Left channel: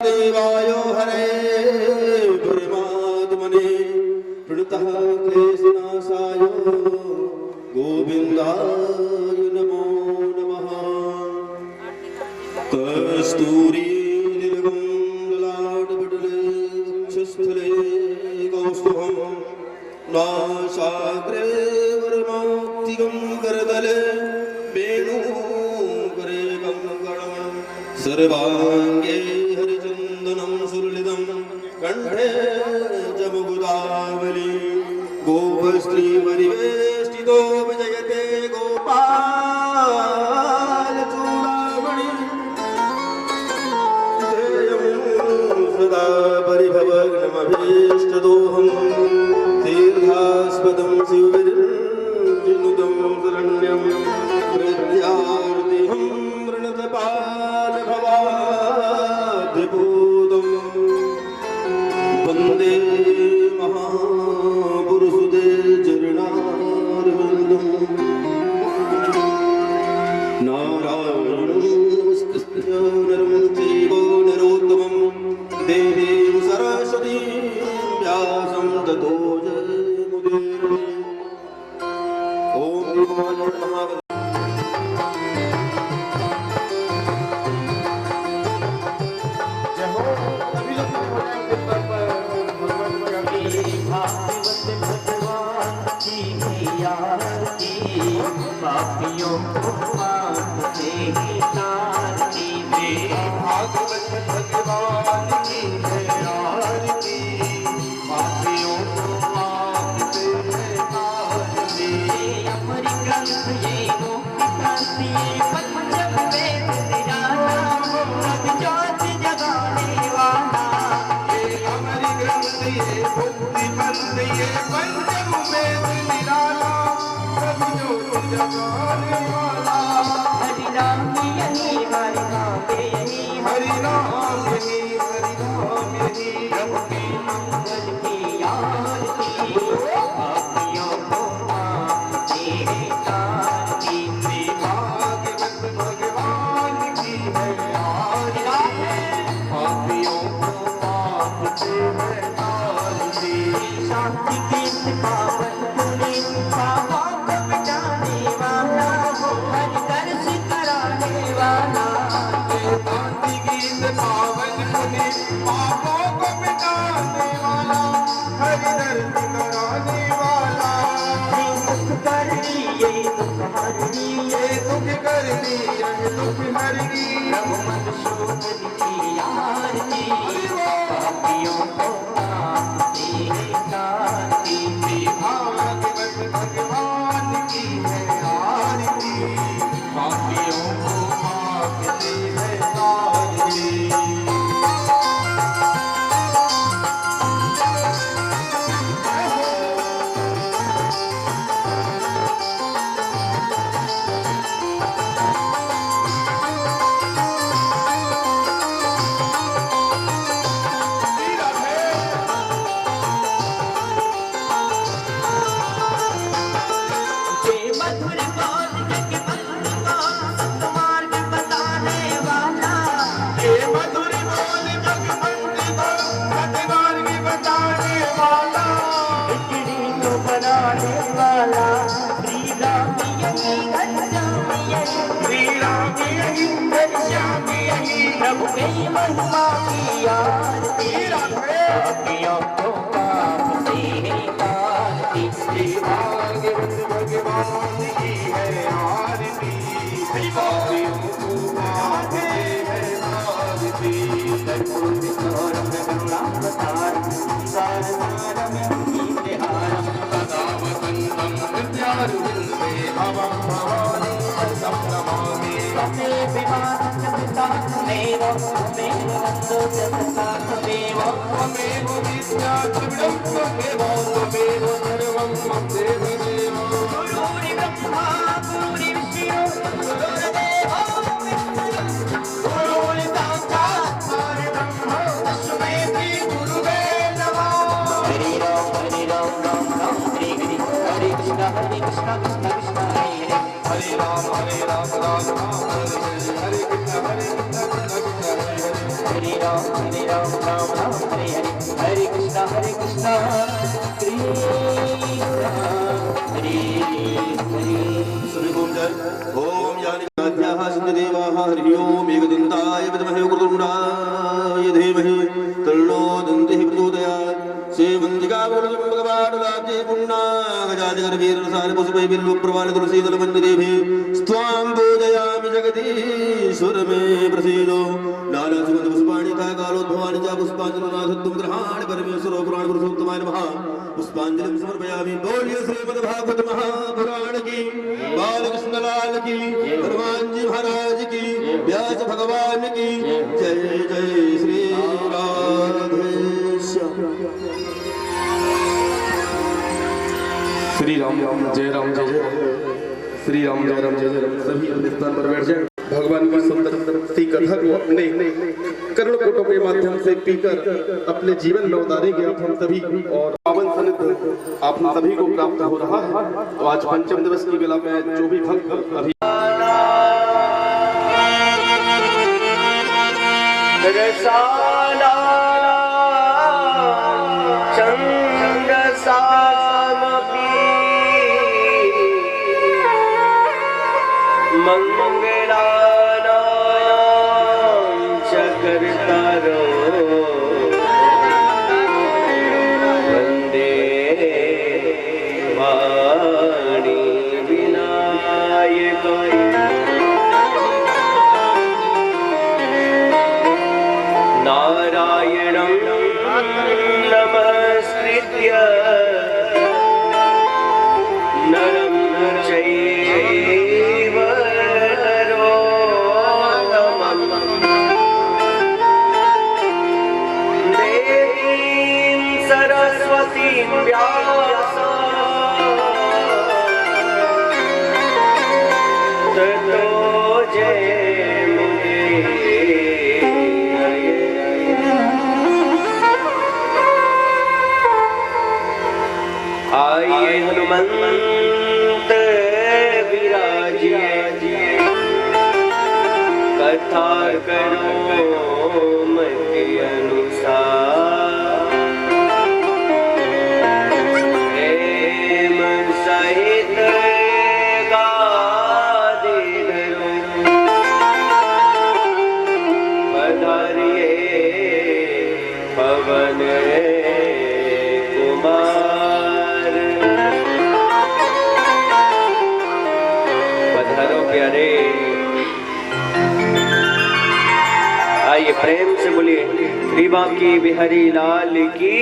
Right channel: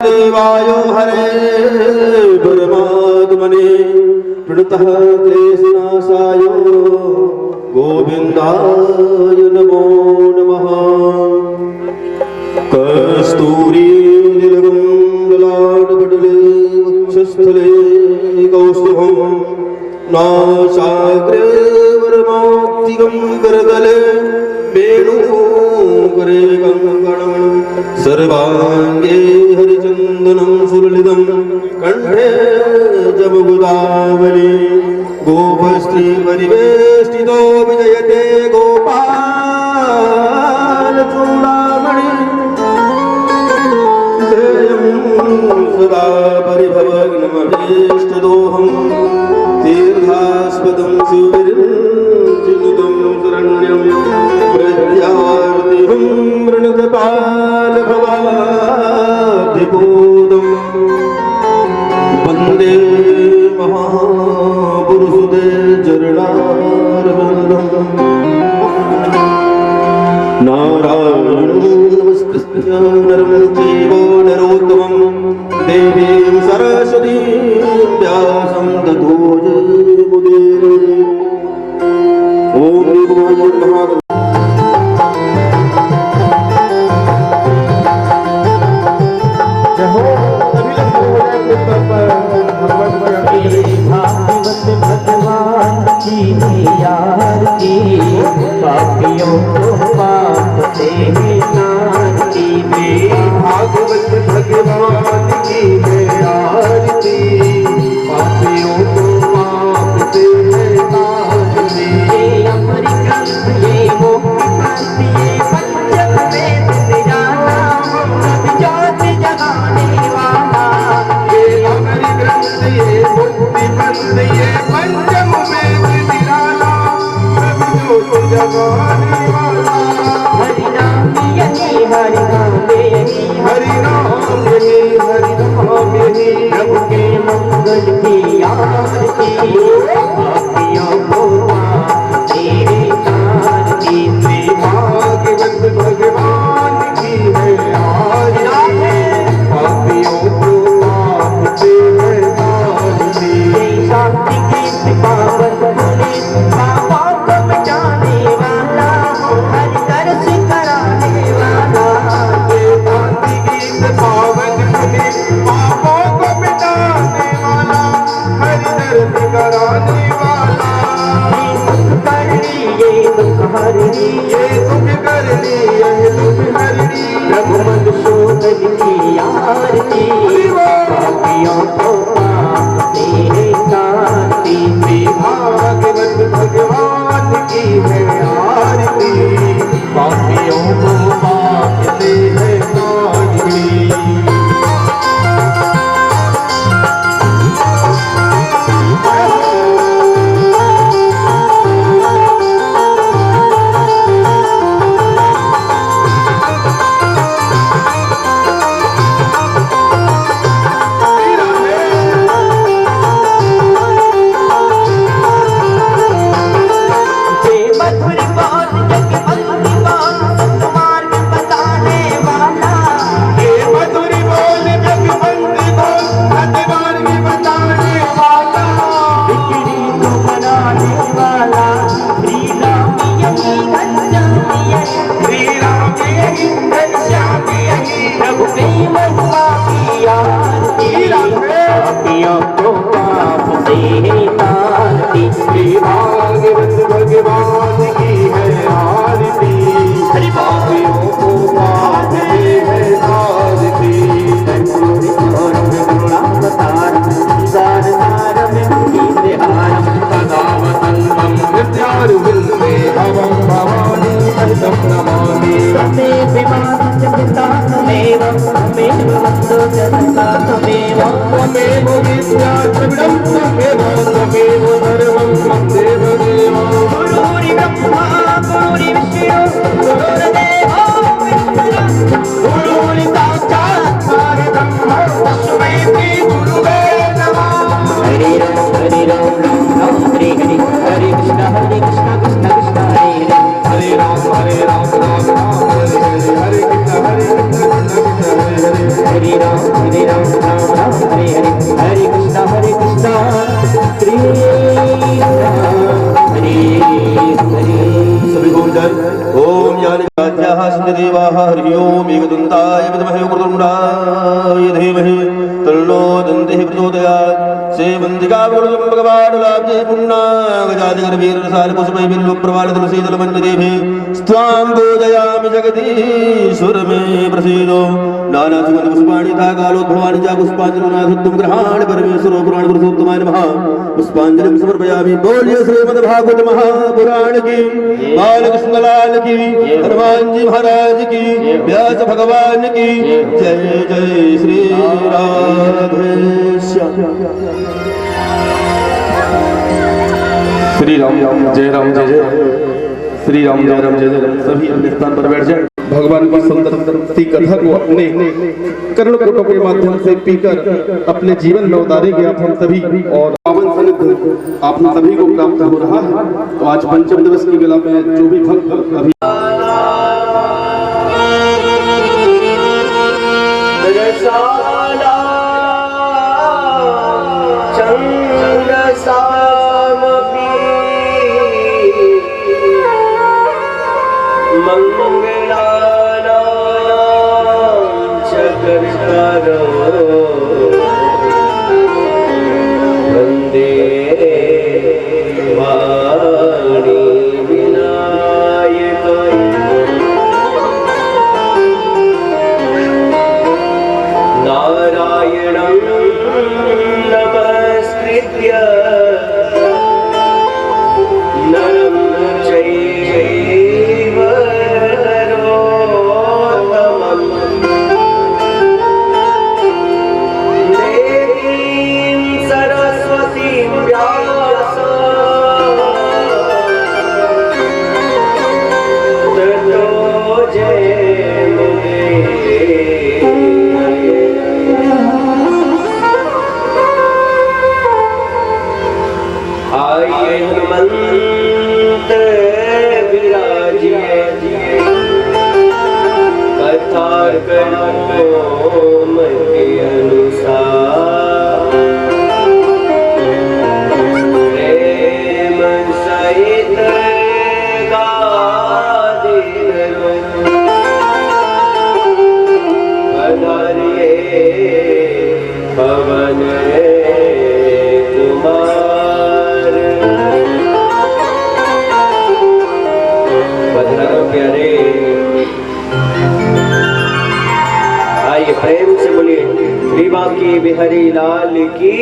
देवाय हरे परमात्मने प्रणतः क्लेशनाशाय गोविन्दाय नमो नमः। कस्तूरी नीलगं ललाटपटले वक्षस्थले कौस्तुभं नासाग्रे वरमाक्तिकं करतले वेणुकरे कङ्कणं सर्वाङ्गे हरिचन्दनं सुललितं कण्ठे जमुगुदावली गोपस्त्रीपरिवेष्टितो विजयते गोपालचूडामणि ध्येयं सदा परिभवग्नमभीष्टदोहं तीर्थास्पदं शिवविरञ्जिनुतं शरण्यं प्रज्ञार्तिहं वृणतपालभवाद्दिपूतं वन्दे महापुरुषते चरणारविन्दम्। नारायणं नमस्कृत्य नरं चैव नरोत्तमं देवीं सरस्वतीं व्यासं ततो जयमुदीरये। ॐ महादेव भगवान की यार की पापियों को बांधते हैं नार की भागवत भगवान की यार की पापियों को बांधते हैं नार की। अमर ग्रंथ ये वो ये पंचम वेद निराला ज्योत जगाने वाला। ये अमर ग्रंथ ये मुक्ति पंथ ये पंचम वेद निराला प्रभु ज्योत जगाने वाला। हरि नाम यही हरि नाम यही हरि नाम यही हरि नाम यही प्रभु के मंगल की आरती पापियों को तेरे तार की। भागवत भगवान की है आरती पापियों को तेरे तार की। शांति की पावन पुनीत पापों को मिटाने वाला हरि दर्श कराने वाला। ये शांति गीत पावन पुनीत पापों को मिटाने वाला हरि दर्श कराने वाला। दुख करनी ये दुख हरनी ये दुख करनी ये दुख हरनी प्रभु मधुसूदन की आरती पापियों को तेरे तारती। भागवत भगवान की है आरती पापियों को बांधते हैं तारती। भागवत भगवान की है आरती पापियों को बांधते हैं आरती। कर्पूरी गौरव करुणावतारं संसारसारं कीर्तिहारं सदा वसन्तं नित्यारुविन्दे भवं भवानी सहितं नमामि। तमेव मां च पिता तमेव तमेव वन्दो च पिता तमेव त्वमेव विद्या च विदं त्वमेव त्वमेव सर्वं मम देवदेव। गुरुरि ब्रह्मा गुरुरि विष्णु गुरुर्देवो महेश्वरः गुरुरि साक्षात् परब्रह्म तस्मै श्री गुरुवे नमः। हरि राम राम राम हरि हरि हरे कृष्ण कृष्ण कृष्ण हरे हरे राम राम राम हरे हरे हरे कृष्ण कृष्ण कृष्ण हरे हरे हरे राम हरे राम राम राम हरे हरे, हरे कृष्णा कृष्ण हरे हरे। सभी ओम जय ओम यानिकाद्याः सिद्धदेवाः हरि ओम एकदन्ताय विद्महे वक्रतुण्डाय धीमहि तन्नो दन्तिः प्रचोदयात्। सेवन्तिका भगवानुलाब्धे पुण्णागजादिगर्भीरसार पुष्पै बिल्वप्रवाल तुलसीदलमन्यदेभिः स्वां पूजयामि जगदीश्वर मे प्रसीदो। नानासुगन्धपुष्पाणि तथा कालोद्भवानि च पुष्पाञ्जलिनाथोत्तम ग्रहाणि परमेश्वरो पुराणपुरुषोत्तमाय नमः। पुष्पांजलि समर्पयामि। बोलिए श्रीमद्भागवत महापुराण की, बालकृष्ण लाल की, हनुमान जी महाराज की, व्यास भगवान की जय जय श्री राधे श्याम। श्री राम राम जय राम जय जय श्री राम जय राम जय जय राम। सभी अपने स्थान पर बैठ जाए। भगवान की सुंदर सी कथा को अपने कर्णपुटों के माध्यम से पीकर अपने जीवन में उतारेंगे आप हम सभी। और पावन सानिध्य आप सभी को प्राप्त हो रहा है। तो आज पंचम दिवस की बेला में जो भी भक्त अभी वंदे वाणी विनायक नारायणं नमस्कृत्य नरं चैव नरोत्तमं देवीं सरस्वतीं व्यासं ततो आइए हनुमंत विराजिए कथा करो मति अनुसार प्रेम सहित गादि धरो पधारिए पवन कुमार। पधारो प्यारे। आइए प्रेम से बोलिए श्री बांकी बिहारी लाल की,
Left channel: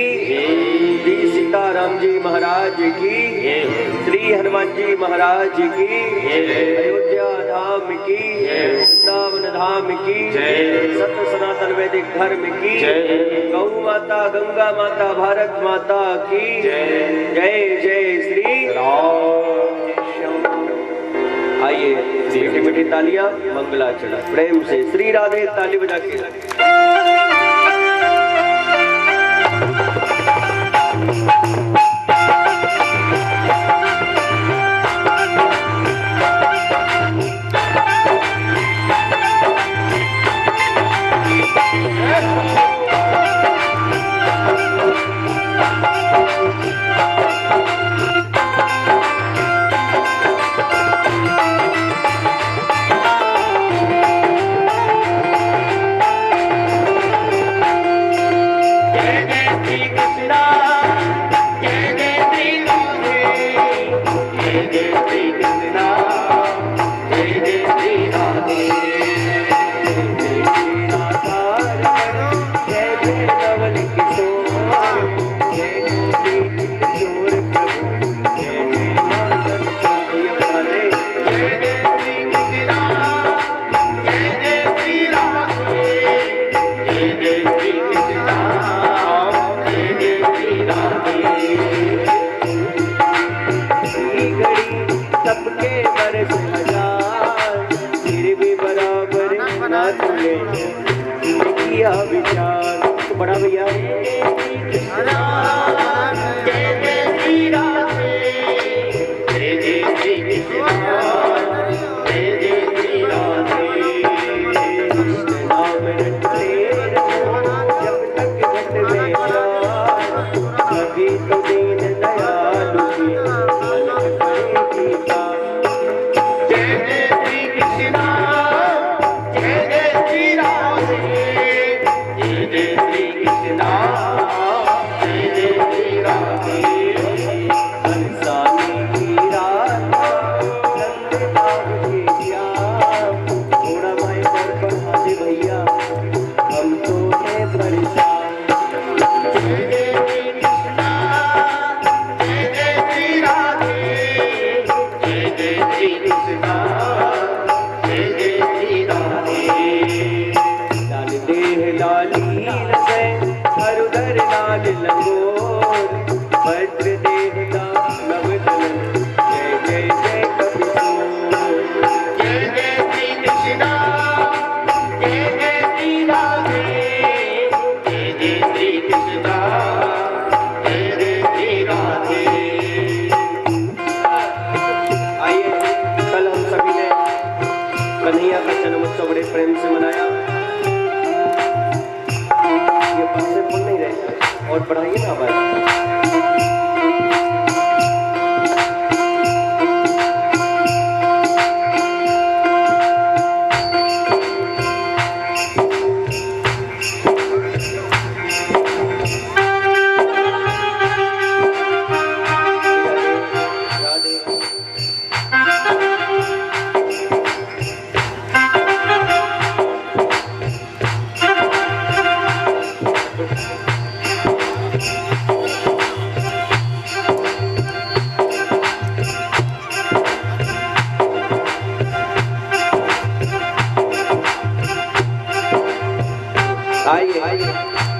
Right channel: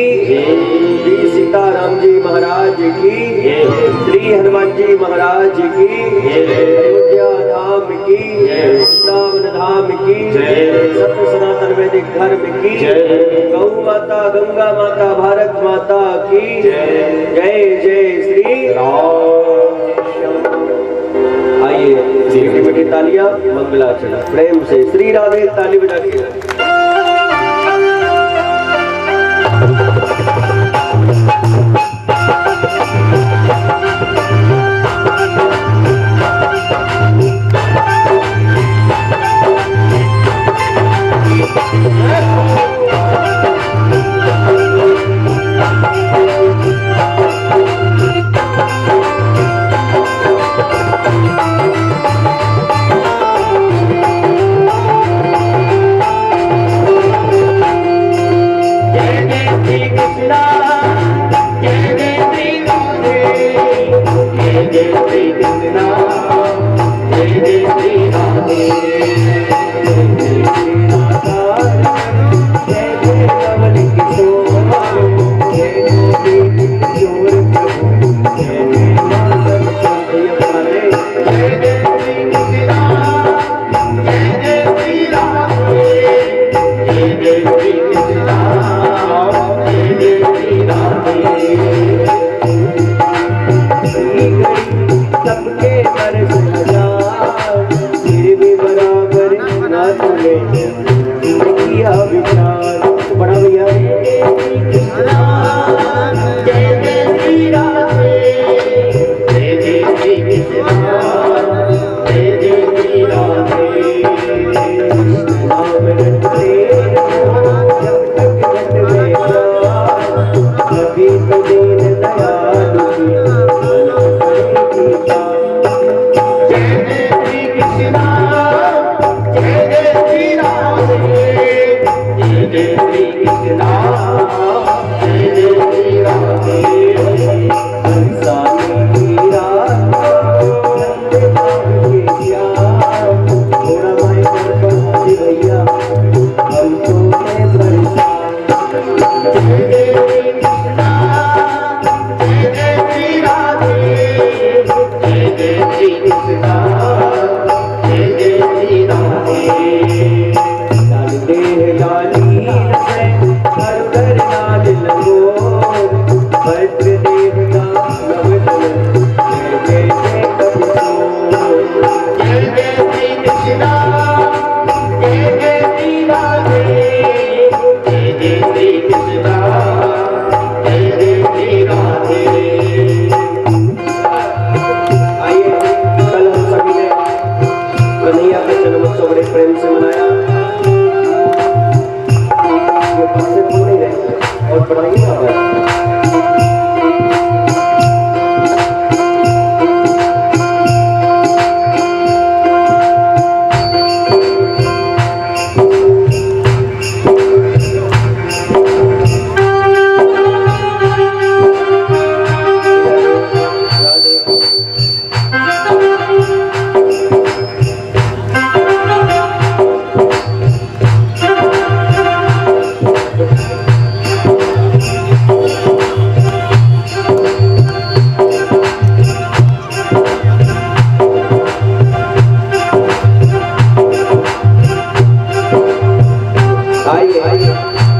श्री सीताराम जी महाराज की, श्री हनुमान जी महाराज की, अयोध्या धाम की, वृंदावन धाम की, सत्य सनातन वैदिक धर्म की, गौ माता गंगा माता भारत माता की जय जय श्री राम। आइए मीठी मीठी तालियां मंगलाचरण प्रेम से श्री राधे ताली बजा के।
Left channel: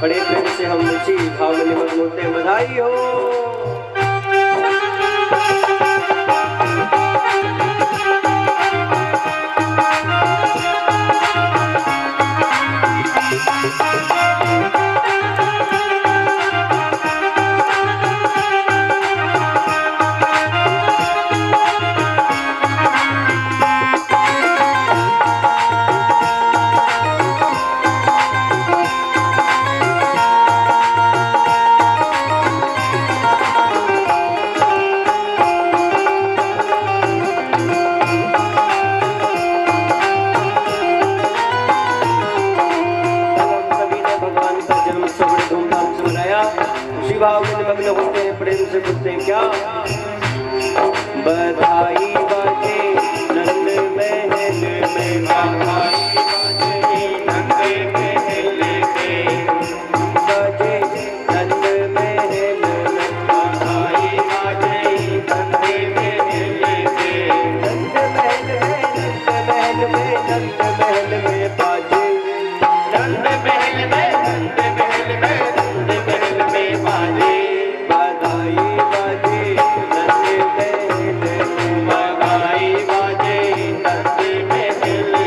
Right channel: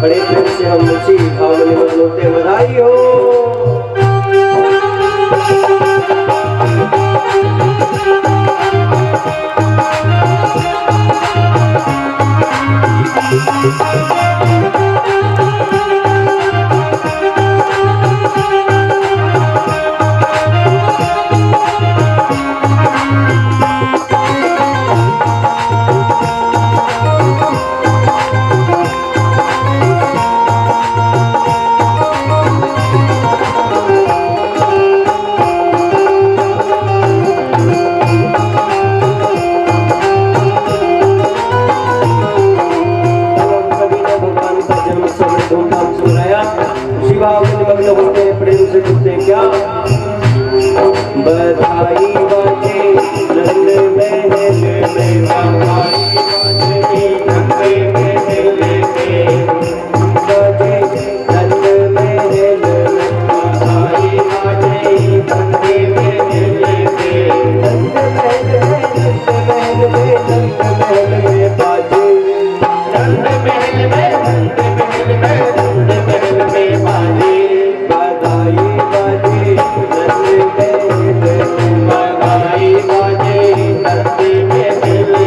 बड़े प्रेम से हम उसी भाव में निमग्न होते हैं। बधाई हो। बधाई बाजे नंद महल में, बधाई बाजे नंद महल में, बाजे नंद महल में, बधाई बाजे नंद महल में, नंद महल में, नंद महल में बाजे, नंद महल में, नंद महल में, नंद महल में बाजे, बधाई बाजे नंद बधाई बाजे नंद महल में।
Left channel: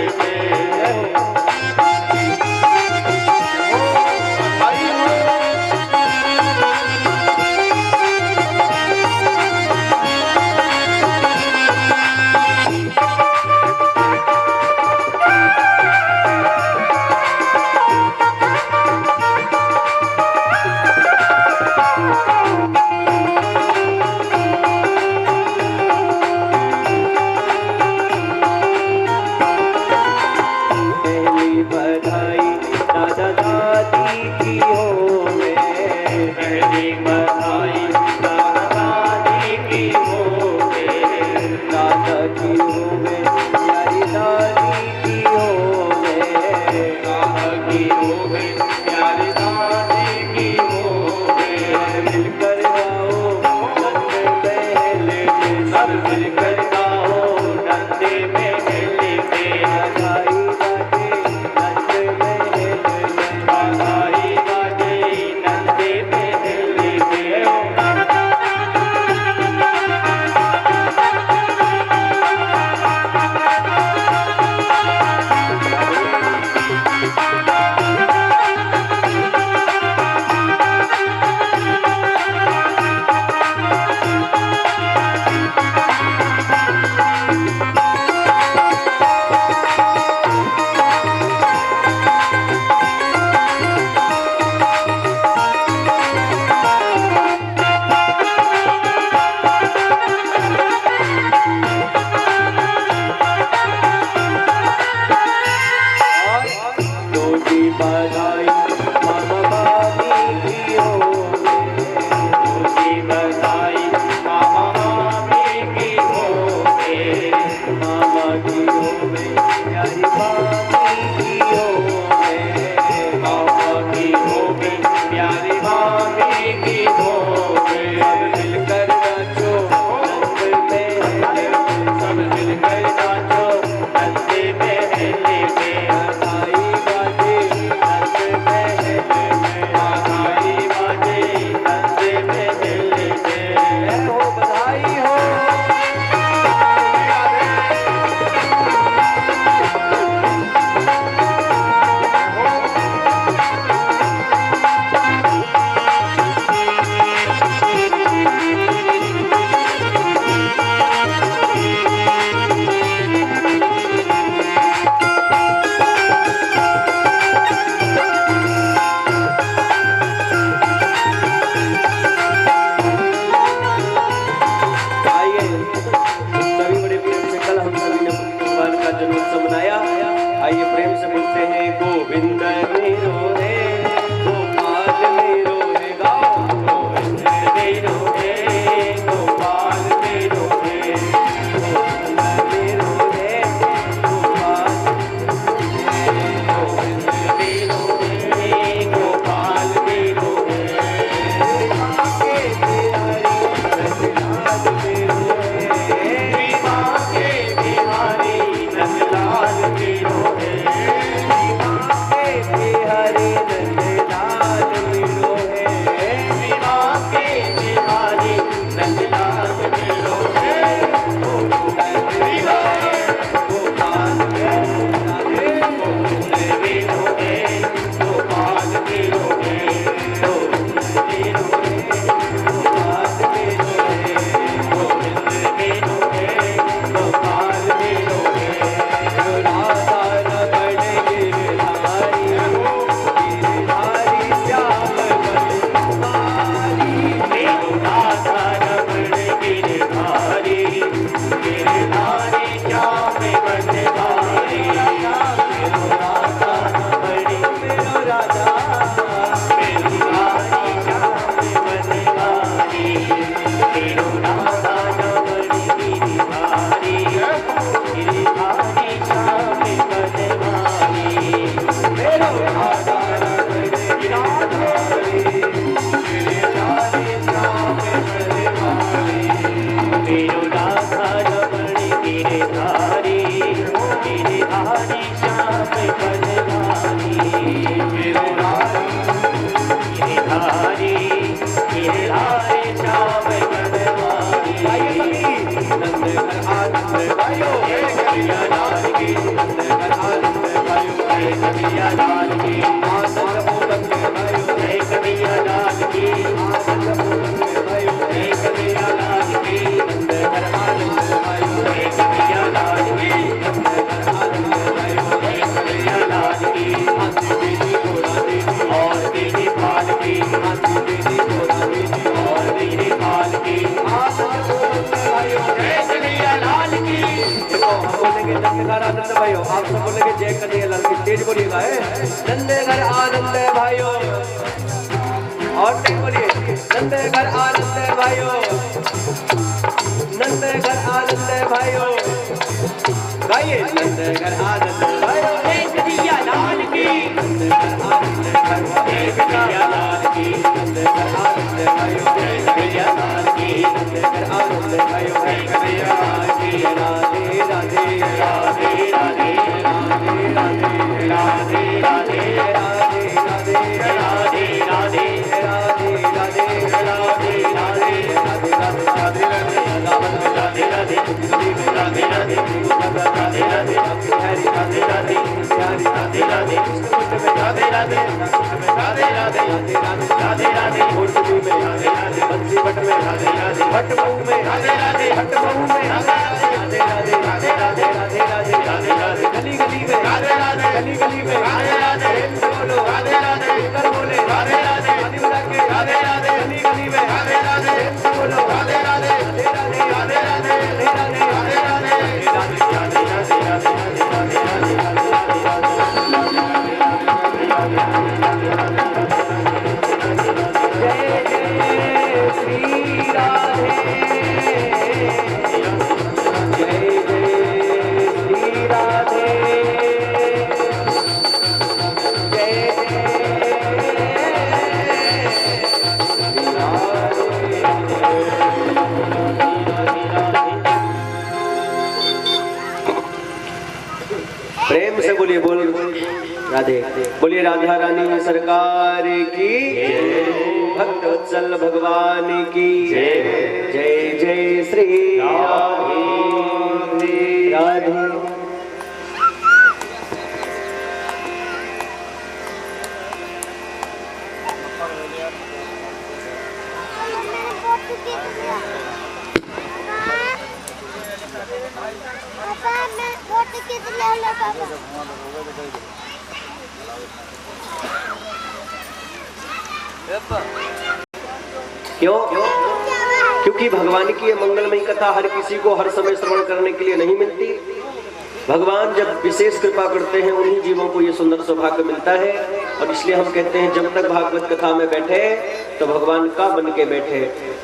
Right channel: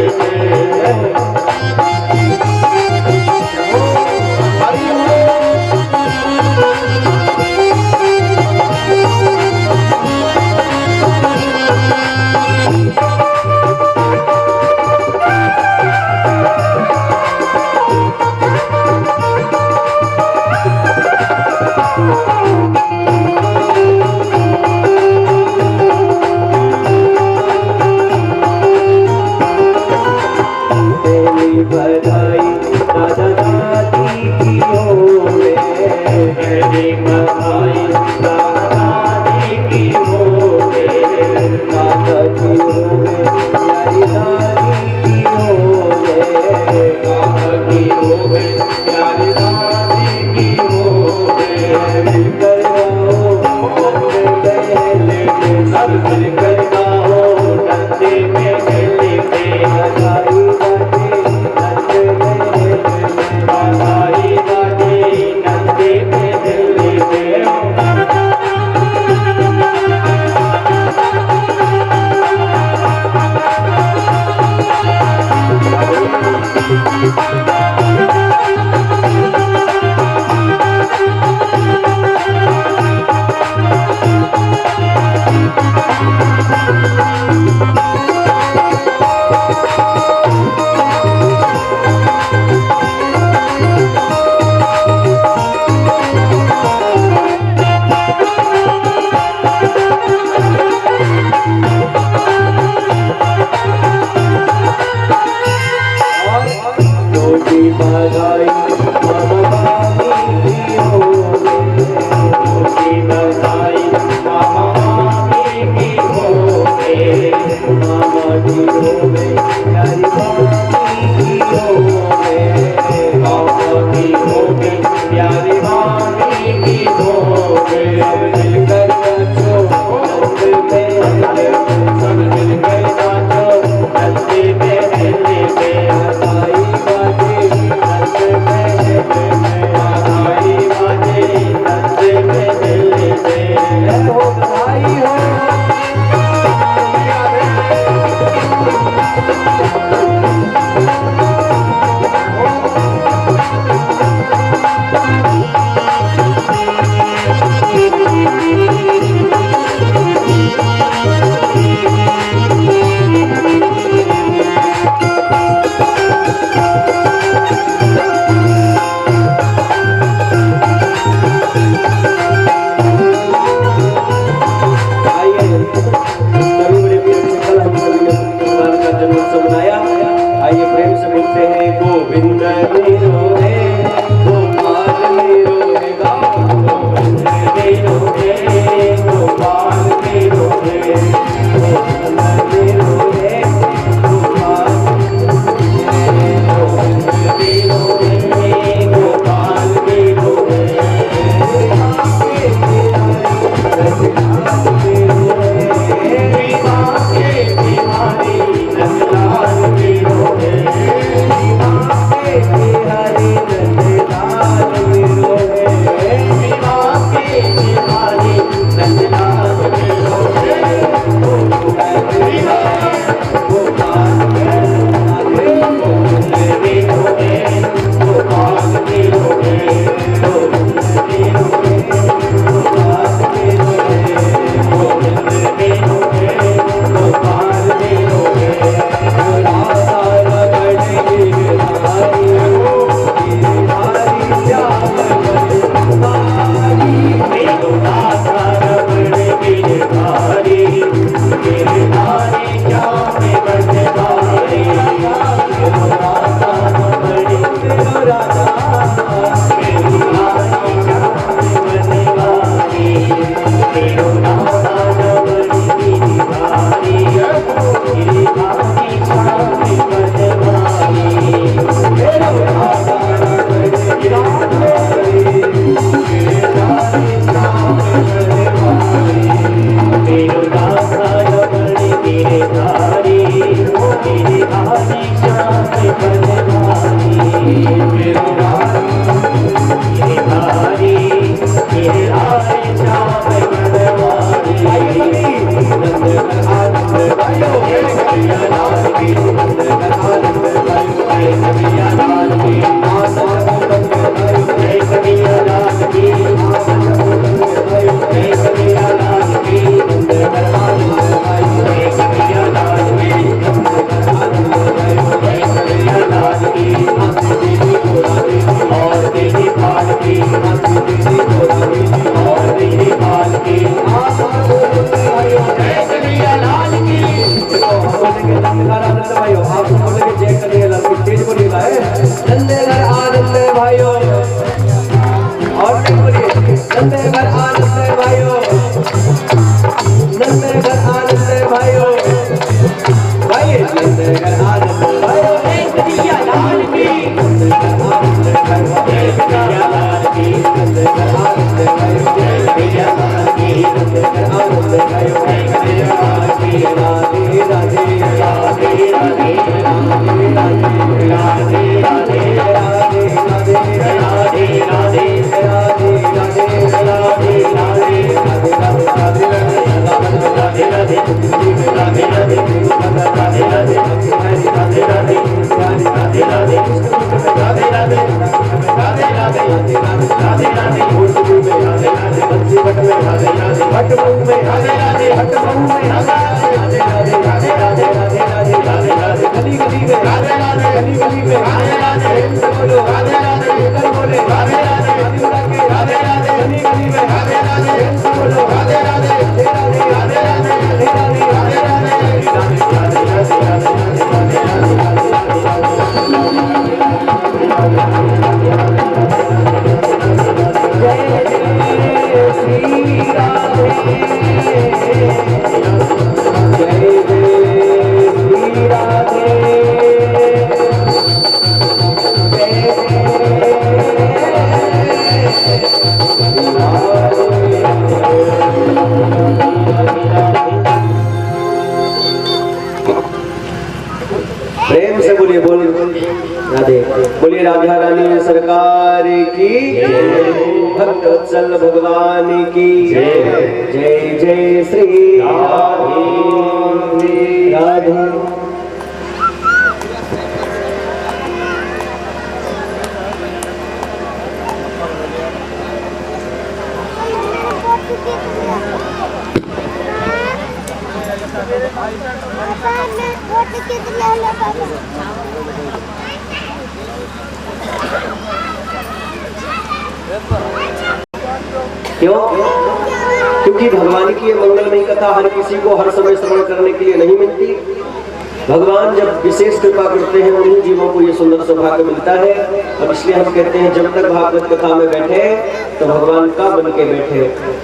बधाई दादा दादी की होवे, पहली बधाई दादा दादी की होवे, दादा की होवे प्यारी दादी की होवे, दादा की होवे प्यारी दादी की होवे, मिलकर गाओ नंद महल में, सब मिलकर गाओ नंद महल में, बधाई राधे राधे राधे राधे मुंडली में राधे राधे बंसी बट में राधे राधे हट बहू में राधे राधे हट बहू में राधे राधे राधे राधे राधे राधे राधे राधे राधे गली गली में राधे राधे गली गली में राधे राधे प्रेम से बोलो राधे राधे कर बोले राधे राधे हरिवरा के राधे राधे गली गली में राधे राधे प्रेम से बोलो राधे राधे राधे राधे राधे राधे राधे राधे राधे प्रेम से बोलिए बोल राधे बोलिए राधा रानी सरकार की भक्त वत्सल भगवान की जय जय श्री राधे। क्यों? क्योंकि भगवान की ये मंगलमयी कथा हर किसी को हर समय श्रवण करने के लिए नहीं मिलती। भगवान जब विशेष कृपा करते हैं उन्हीं जीवों को ये सुंदर सौभाग्य मिलता है। और इसलिए हम कहते हैं जब तक भागवत कथा में बैठे तो भगवान का बन के बैठे,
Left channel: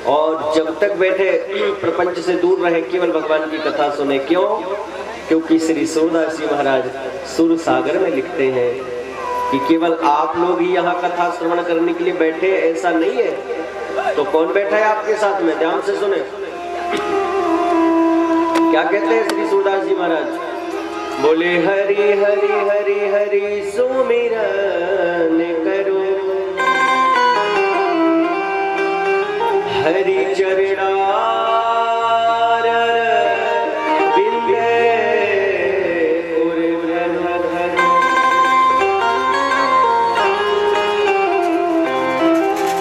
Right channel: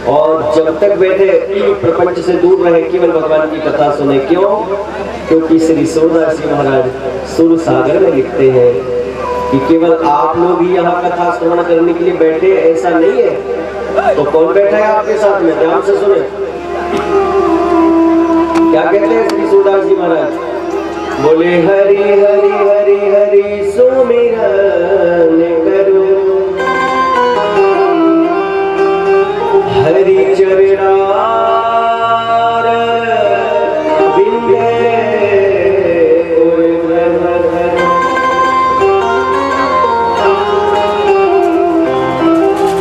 और जब तक बैठे प्रपंच से दूर रहे, केवल भगवान की कथा सुने। क्यों? क्योंकि श्री सूरदास जी महाराज सुर सागर में लिखते हैं कि केवल आप लोग ही यहाँ कथा श्रवण करने के लिए बैठे, ऐसा नहीं है। तो कौन बैठा है आपके साथ में? ध्यान से सुने क्या कहते हैं श्री सूरदास जी महाराज। बोले हरि हरि हरि हरि सुमिरन करो, हरि चरणार बिंदे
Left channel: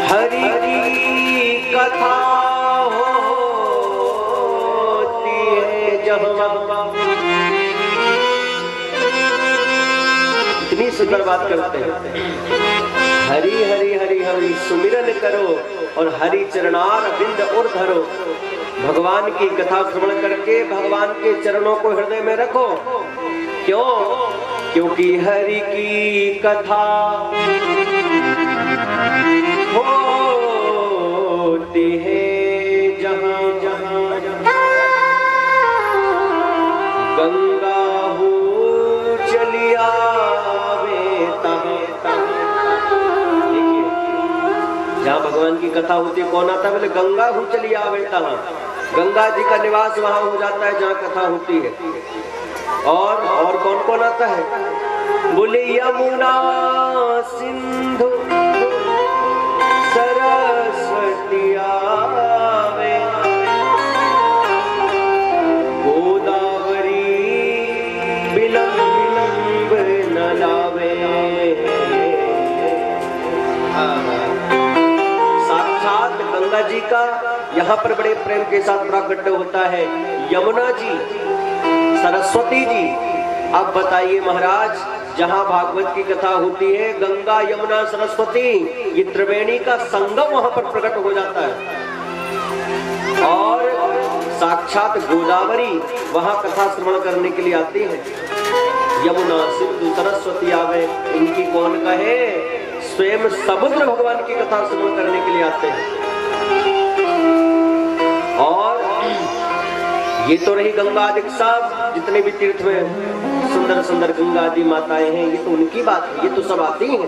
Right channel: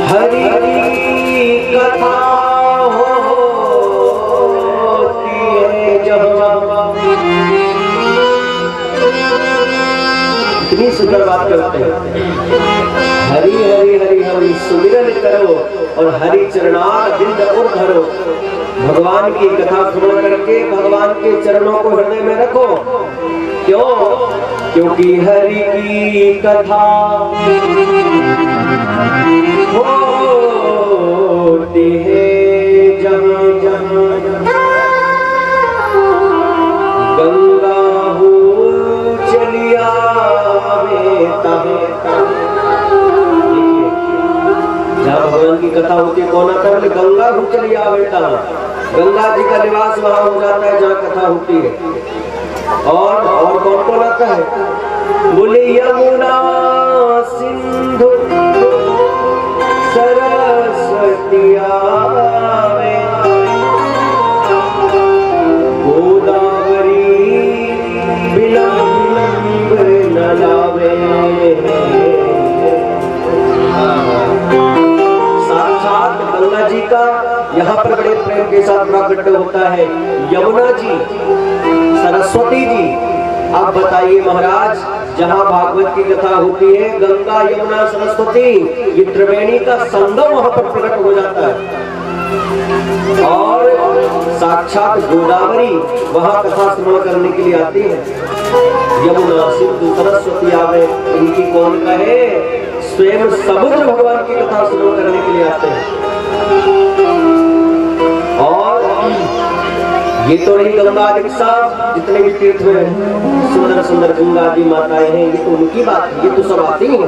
हरि कथा होती है जहाँ। इतनी सुंदर बात करते हैं, हरि हरि हरि हरि सुमिरन करो और हरि चरणार बिंद और धरो। भगवान की कथा श्रवण करके भगवान के चरणों को हृदय में रखो। क्यों? क्योंकि हरि की कथा होती है जहाँ जहाँ गंगा हो चलिया जहाँ भगवान की कथा होती है कौन आता है? बोले गंगा हो चलिया बेटा। गंगा जी का निवास वहां हो जाता है जहाँ कथा होती है। और कौन कौन आता है? बोले यमुना सिंधु सरस्वती आवे, गोदावरी विलंब न लावे। साक्षात गंगा जी का यहाँ पर बड़े प्रेम के साथ प्राकट्य होता है। यमुना जी, सरस्वती जी। अब बताइए महाराज, जहाँ भागवत की कथा होती है गंगा यमुना सरस्वती ये त्रिवेणी का संगम वहां पर प्रकट हो जाता है। और साक्षात गोदावरी वहां कथा श्रवण करने के लिए आती है। यमुना सिंधु सरस्वती आवे, इनकी कौन कहे? स्वयं समुद्र भगवान की कथा श्रवण करने के लिए आते हैं। और ये तो रही गंगा आदि साहब, जितने भी तीर्थ में सुंदर सुंदर गंगा आदि माताएं हैं, ये तो उनकी बात है, ये तो सब आती हैं।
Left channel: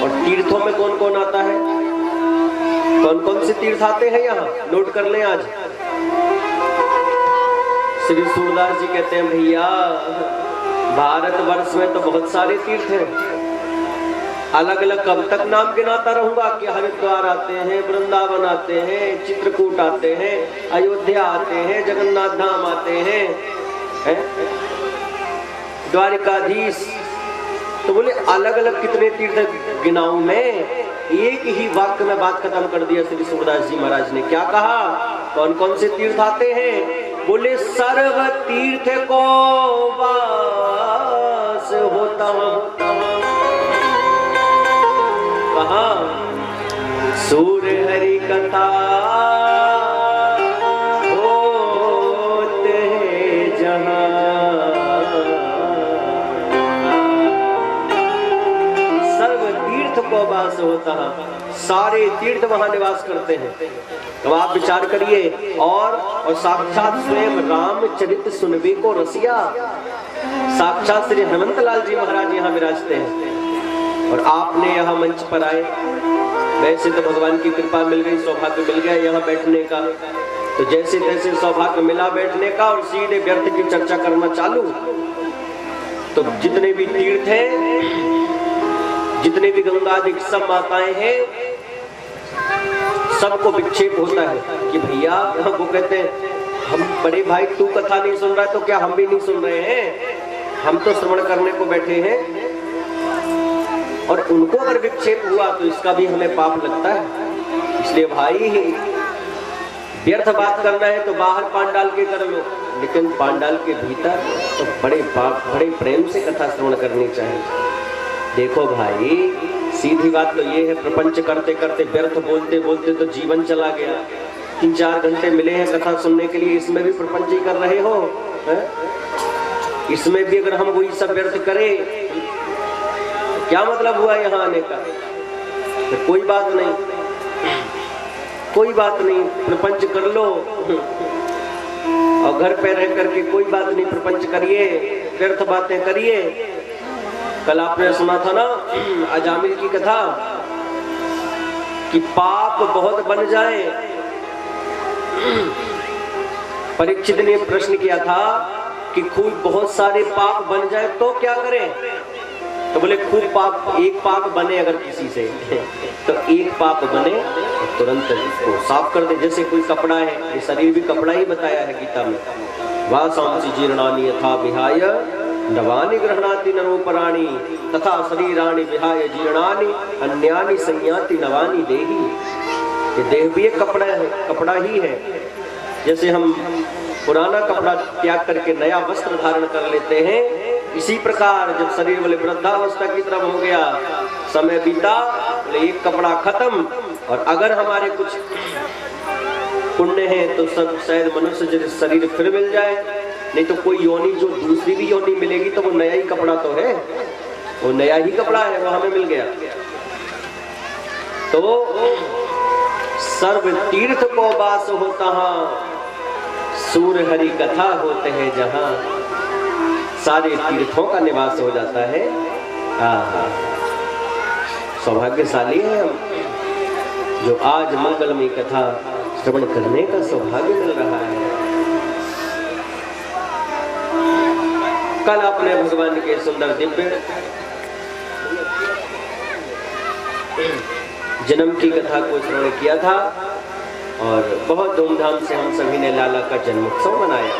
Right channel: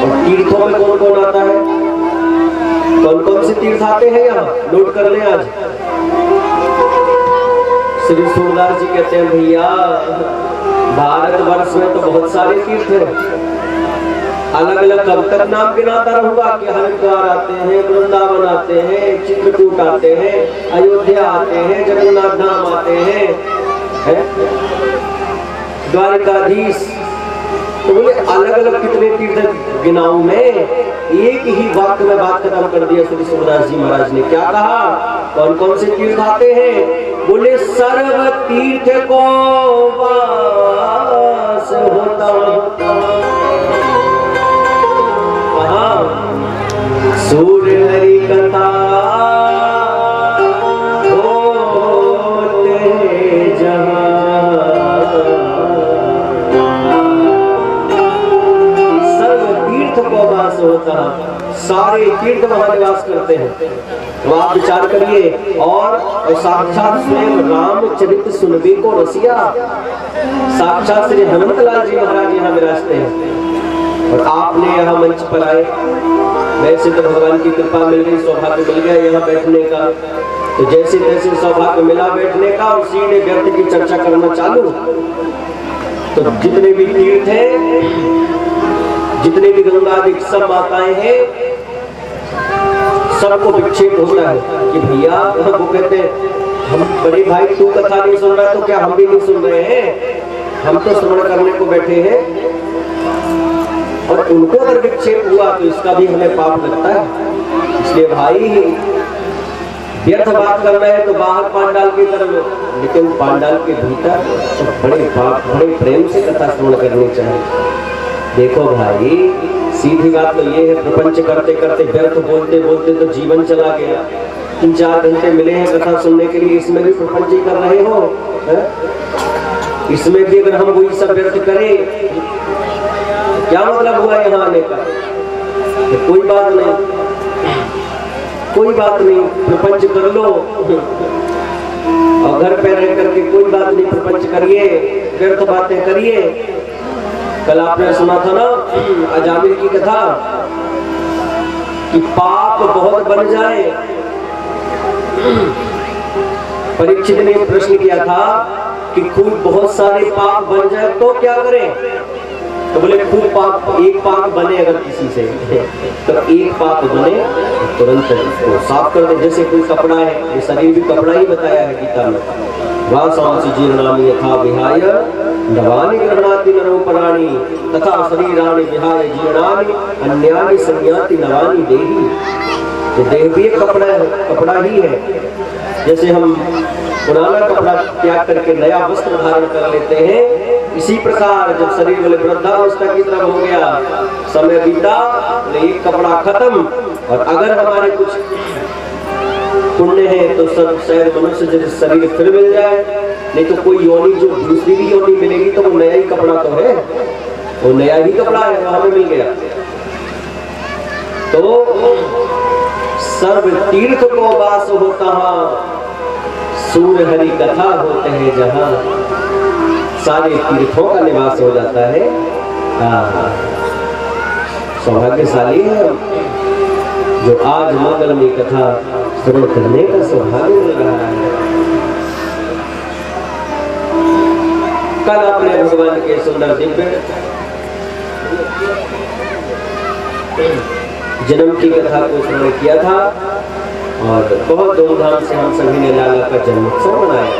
और तीर्थों में कौन कौन आता है? कौन कौन से तीर्थ आते हैं यहाँ? नोट कर लें आज। श्री सूरदास जी कहते हैं भैया भारतवर्ष में तो बहुत सारे तीर्थ हैं, अलग अलग कब तक नाम गिनाता रहूंगा कि हरिद्वार आते हैं, वृंदावन आते हैं, चित्रकूट आते हैं, अयोध्या आते हैं, जगन्नाथ धाम आते हैं, द्वारिकाधीश तो बोले अलग अलग कितने तीर्थ गिनाऊं मैं? एक ही वाक्य में बात खत्म कर दिया श्री सूरदास जी महाराज ने। क्या कहा? कौन कौन से तीर्थ आते हैं? बोले सर्व तीर्थ को वास होता। कहा? सूर्य हरि कथा होता है, सारे तीर्थ वहां निवास करते हैं। तो आप विचार करिए। और साक्षात स्वयं रामचरित सुनबे को रसिया, साक्षात श्री हनुमत लाल जी महाराज यहाँ विराजते हैं और आपने यहाँ मंच पर आए। वैसे तो भगवान की कृपा मिल गई, सौभाग्य मिल गया यहाँ बैठने का। तो जैसे तैसे सौभाग्य मिला बैठने का और सीधे व्यक्ति की चर्चा करना चालू। तो जितने भी तीर्थ हैं, जितने भी गंगादिक सब माताएं हैं, सबको विक्षेप होता है कि भैया, वो कहते हैं हम बड़े भाई तू कथा नहीं सुन रहा तो क्या हम भी नहीं सुन रहे हैं? हम तो श्रवण करने को बैठे हैं। और उनको अगर विक्षेप हुआ तो इसका भी हमें पाप लगता है। इसलिए भाई, व्यर्थ बात करना है तो बाहर पांडाल की कर लो, लेकिन पांडाल के भीतर तो बड़े प्रेम से कथा श्रवण करनी चाहिए। देखो भाई, सीधी बात तो ये है, प्रपंच करते करते व्यर्थ बोलते बोलते तो जीवन चला गया। 3-4 घंटे मिले हैं कथा सुनने के लिए, इसमें भी प्रपंच ही कर रहे हो है? इसमें भी अगर हम वही सब व्यर्थ करें, क्या मतलब हुआ यहाँ आने का? तो कोई बात नहीं, कोई बात नहीं, प्रपंच कर लो और घर पे रह करके कोई बात नहीं, प्रपंच करिए, व्यर्थ बातें करिए। कल आपने सुना था ना अजामिल की कथा कि पाप बहुत बन जाए। परीक्षित ने प्रश्न किया था कि खूब बहुत सारे पाप बन जाए तो क्या करें? तो बोले खूब पाप, एक पाप बने अगर किसी से तो एक पाप बने तुरंत उसको साफ कर दे। जैसे कोई कपड़ा है, ये शरीर भी कपड़ा ही बताया है गीता में। वासांसि जीर्णानि यथा विहाय नवानि गृह्णाति नरोपराणि तथा शरीराणि विहाय जीर्णानि अन्यानि संयाति नवानि देहि। ये देह भी एक कपड़ा है, कपड़ा ही है। जैसे हम पुराना कपड़ा त्याग करके नया वस्त्र धारण कर लेते हैं, इसी प्रकार जब शरीर वाले वृद्धावस्था की तरफ हो गया, समय बीता, एक कपड़ा खत्म। और अगर हमारे कुछ पुण्य है तो सब शायद मनुष्य जैसे शरीर फिर मिल जाए, नहीं तो कोई योनि, जो दूसरी भी योनि मिलेगी तो वो नया ही कपड़ा तो है, वो नया ही कपड़ा है, वो हमें मिल गया। तो सर्व तीर्थ को वास होता, सूर्य हरि कथा होते हैं जहां, सारे तीर्थों का निवास हो जाता है। सौभाग्यशाली है जो आज मंगलमयी कथा श्रवण करने का सौभाग्य मिल रहा है। कल आपने भगवान के सुंदर दिव्य जन्म की कथा को श्रवण किया था और बहुत धूमधाम से हम सभी ने लाला का जन्मोत्सव मनाया।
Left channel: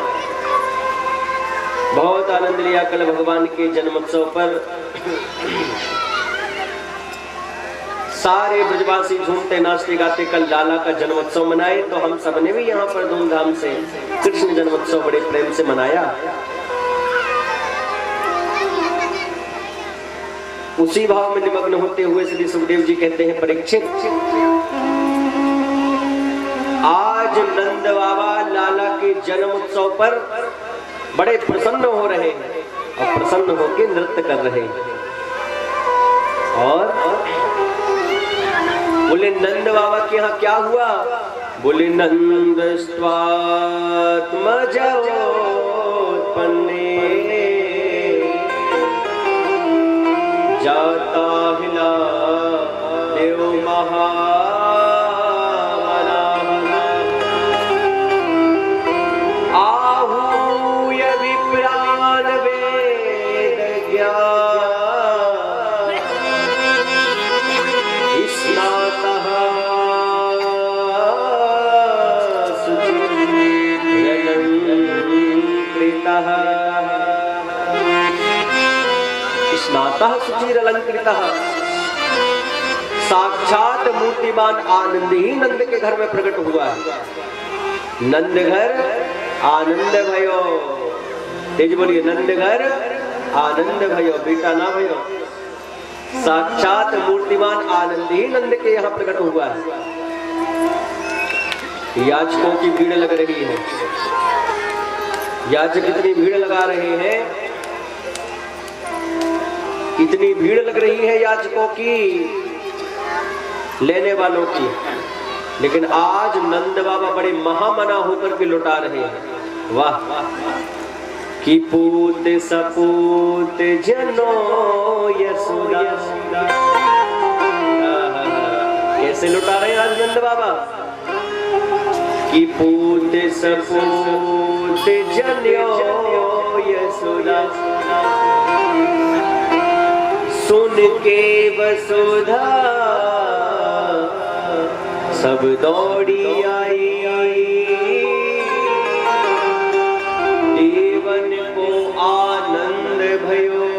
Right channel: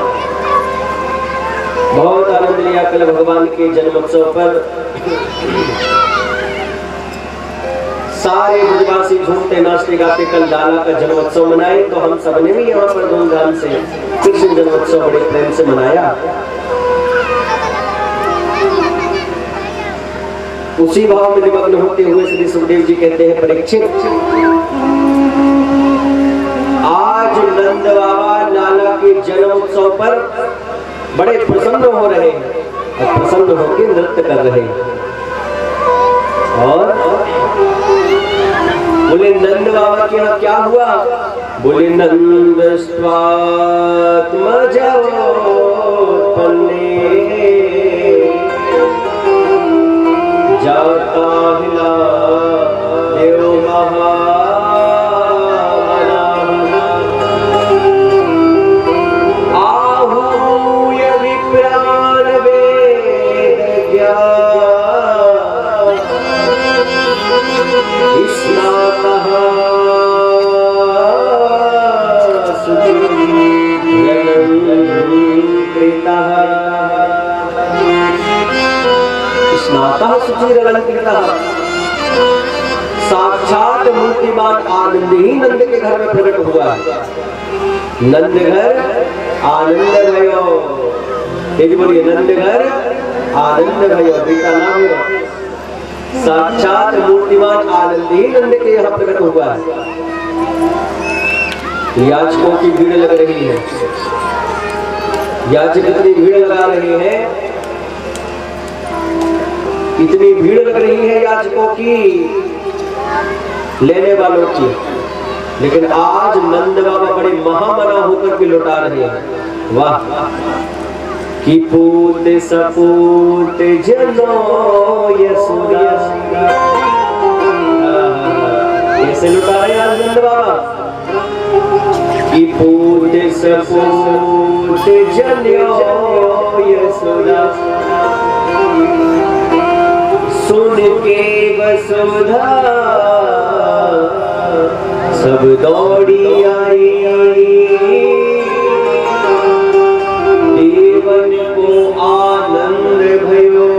बहुत आनंद लिया कल भगवान के जन्मोत्सव पर। सारे ब्रजवासी झूमते नाचते गाते कल लाला का जन्मोत्सव मनाए, तो हम सबने भी यहाँ पर धूमधाम से कृष्ण जन्मोत्सव बड़े प्रेम से मनाया। उसी भाव में निमग्न होते हुए श्री सुखदेव जी कहते हैं, परीक्षित, आज नंद बाबा लाला के जन्मोत्सव पर बड़े प्रसन्न हो रहे हैं और प्रसन्न होकर नृत्य कर रहे हैं। और बोले नंद बाबा के यहाँ क्या हुआ? बोले नंद जाता हिला देव आहूय विप्राण वेद ज्ञान स्नातः सुचिरं कृतः साक्षात मूर्तिमान आनंद ही नंद के घर में प्रकट हुआ। नंद घर आनंद भयो, तेज बोलिए, नंद घर आनंद भयो, बेटा ना भयो। साक्षात मूर्तिमान आनंद ही नंद के यहाँ प्रकट हुआ है। याचकों की भीड़ लग रही है, याचक इतनी भीड़ लगा रहे हैं, इतनी भीड़ लग रही है याचकों की, लेने वालों की, लेकिन आज नंद बाबा बड़े महामना होकर के लौटा रहे हैं। वाह, कि पूत सपूत जनो यशोदा, कैसे लौटा रहे हैं आज नंद बाबा? कि पूत सपूत जनो यशोदा, सुन के वसुधा सब दौड़ी आई, देवन को आनंद भयो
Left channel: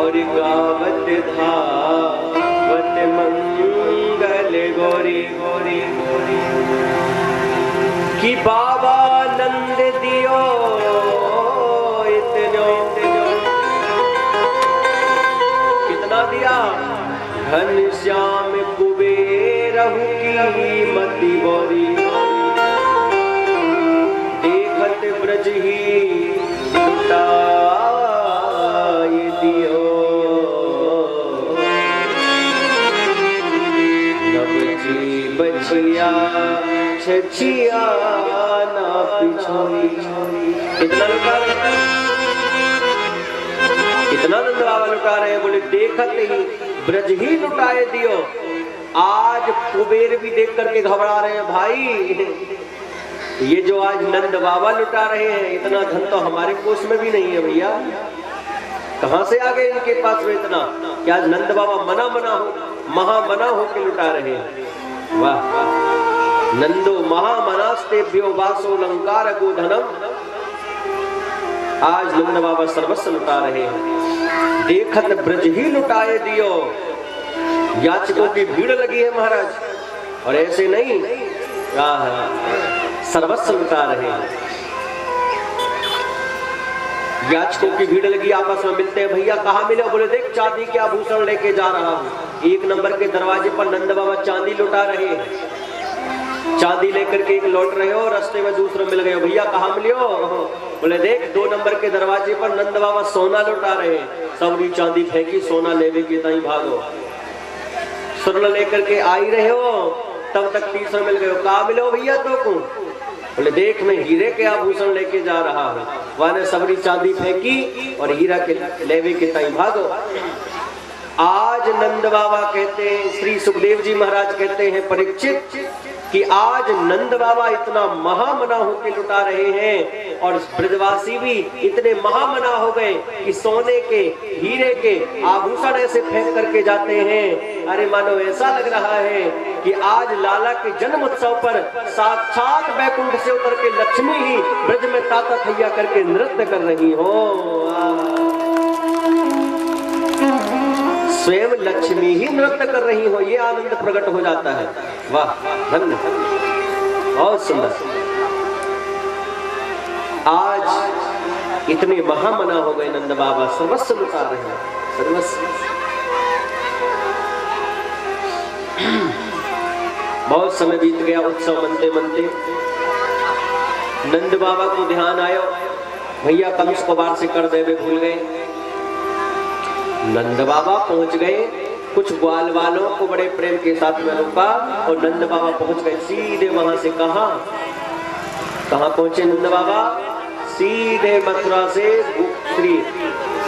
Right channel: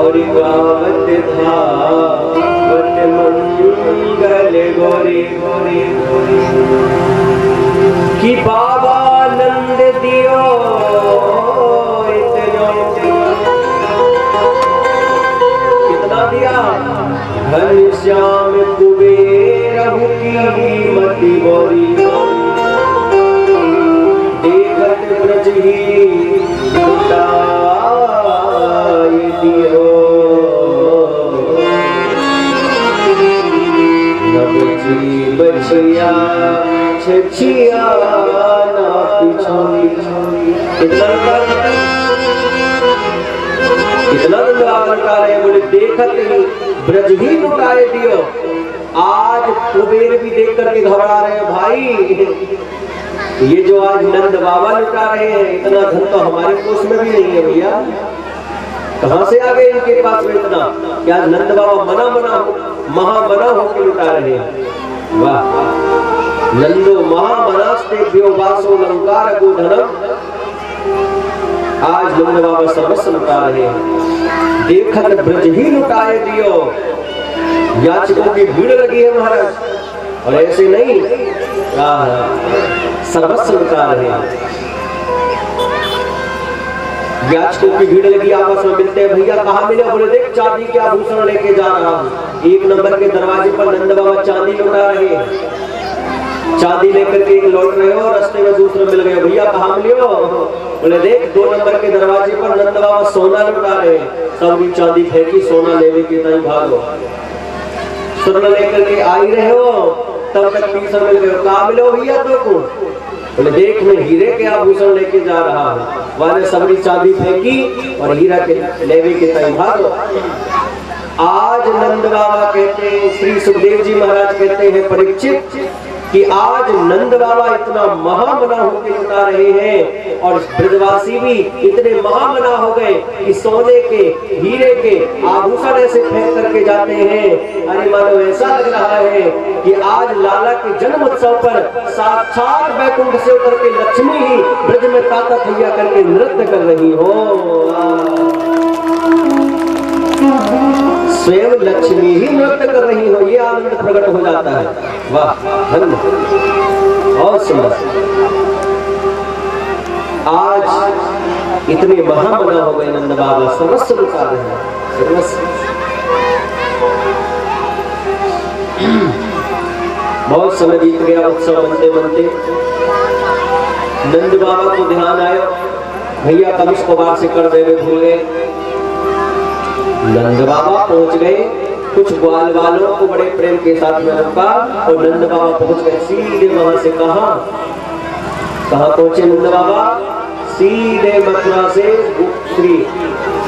और गावत धावत मंगल गोरी गोरी, कि बाबा नंद दियो घनश्याम कुबेरहु की मति बोरी, देखत ब्रज ही लुटाए दियो, नब जी बचिया छछिया ना पिछोई। इतना लुटा रहे, बोले देखत ही ब्रज ही लुटाए दियो। आज कुबेर भी देख करके घबरा रहे हैं, भाई ये जो आज नंद बाबा लुटा रहे हैं, इतना धन तो हमारे कोष में भी नहीं है भैया, कहां से आ गए इनके पास में इतना, कि आज नंद बाबा महामना होकर लुटा रहे हैं। वाह, नंदो महामनास्तेभ्यो वासो लंकार गोधनम, आज नंद बाबा सर्वस्व लुटा रहे हैं, देखत ब्रज ही लुटाए दियो। याचकों की भीड़ लगी है महाराज, और ऐसे नहीं, सर्वस्व लुटा रहे हैं। याचकों की भीड़ लगी, आपस में मिलते हैं, भैया कहाँ मिले? बोले देख चांदी के आभूषण लेके जा रहा हूँ। एक नंबर के दरवाजे पर नंद बाबा चांदी लुटा रहे हैं, चांदी लेकर के एक लौट रहे हो, रास्ते में दूसरे मिल गए, भैया कहाँ मिले हो? बोले देख 2 नंबर के दरवाजे पर नंद बाबा सोना लुटा रहे हैं, सब चांदी फेंकी, सोना लेवे के तई भागो। स्वर्ण लेकर के आई रहे हो, तब तक तीसरा मिल गए, कहाँ मिले हो भैया तो को? बोले देख मैं हीरे के आभूषण लेके जा रहा हूँ, वाले सबरी चांदी फेंकी और हीरा के लेवे के तई भागो। आज नंद बाबा कहते हैं, श्री सुखदेव जी महाराज कहते हैं परीक्षित, कि आज नंद बाबा इतना महामना होकर लुटा रहे हैं, और ब्रजवासी भी इतने महामना हो गए कि सोने के हीरे के आभूषण ऐसे फेंक करके जाते हैं। अरे मानो ऐसा लग रहा है कि आज लाला के जन्म उत्सव पर साक्षात बैकुंठ से उतर के लक्ष्मी ही ब्रज में ताता थैया करके नृत्य कर रही हो। स्वयं लक्ष्मी ही नृत्य कर रही हो, ये आनंद प्रकट हो जाता है। वाह, धन्य और सुंदर। आज इतने महामना हो गए नंद बाबा, सर्वस्व लुटा रहे हैं, सर्वस्व। बहुत समय बीत गया, उत्सव मनते मनते नंद बाबा को ध्यान आया, भैया कंस को वार से कर देवे भूल गए। नंद बाबा पहुंच गए, कुछ ग्वाल वालों को बड़े प्रेम के साथ में रोका, और नंद बाबा पहुंच गए सीधे वहां से। कहां पहुंचे नंद बाबा? सीधे मथुरा से, श्री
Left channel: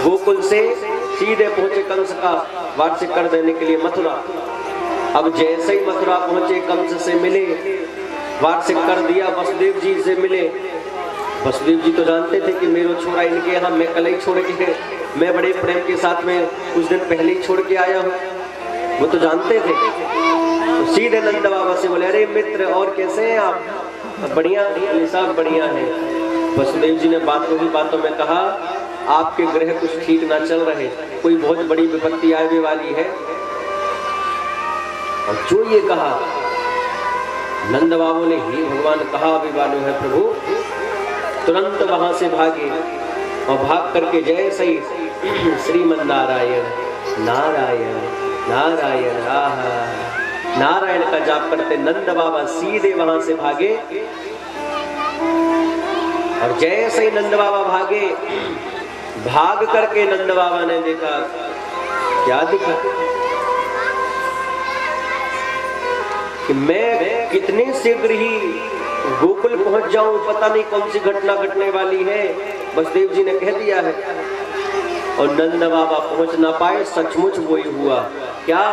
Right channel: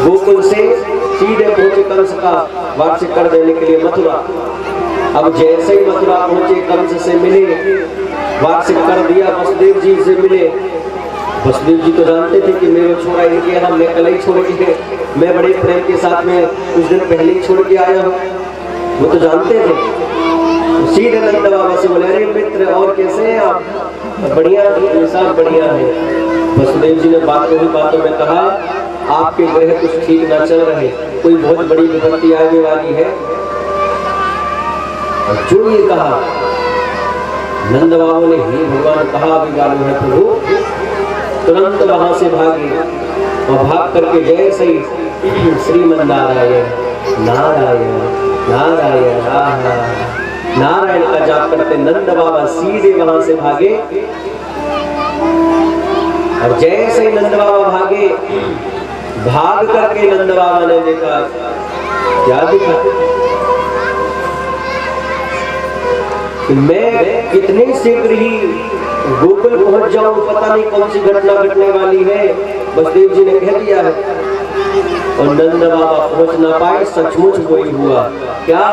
गोकुल से सीधे पहुंचे कंस का वार्षिक कर देने के लिए मथुरा। अब जैसे ही मथुरा पहुंचे, कंस से मिले, वार्षिक कर दिया, वसुदेव जी से मिले। वसुदेव जी तो जानते थे कि मेरा छोरा इनके यहाँ, मैं कल ही छोड़ के, मैं बड़े प्रेम के साथ में कुछ दिन पहले ही छोड़ के आया हूँ, वो तो जानते थे। तो सीधे नंद बाबा से बोले, अरे मित्र और कैसे हैं आप? बढ़िया, सब बढ़िया है। वसुदेव जी ने बातों में कहा आपके ग्रह कुछ ठीक ना चल रहे, कोई बहुत बड़ी विपत्ति आने वाली है। और जो ये कहा नंद बाबू ने, ही भगवान कहा अभी मालूम है प्रभु, तुरंत वहां से भागे और भाग करके जैसे ही श्रीमन नारायण नारायण नारायण नारायण का जाप करते नंद बाबा सीधे वहां से भागे। और जैसे ही नंद बाबा भागे, भाग करके नंद बाबा ने देखा, क्या दिखा कि मैं कितने शीघ्र ही गोकुल पहुंच जाऊं, पता नहीं कौन सी घटना घटने वाली है, बसदेव जी ने कह दिया है। और नंद बाबा पहुंच ना पाए, सचमुच वही हुआ। क्या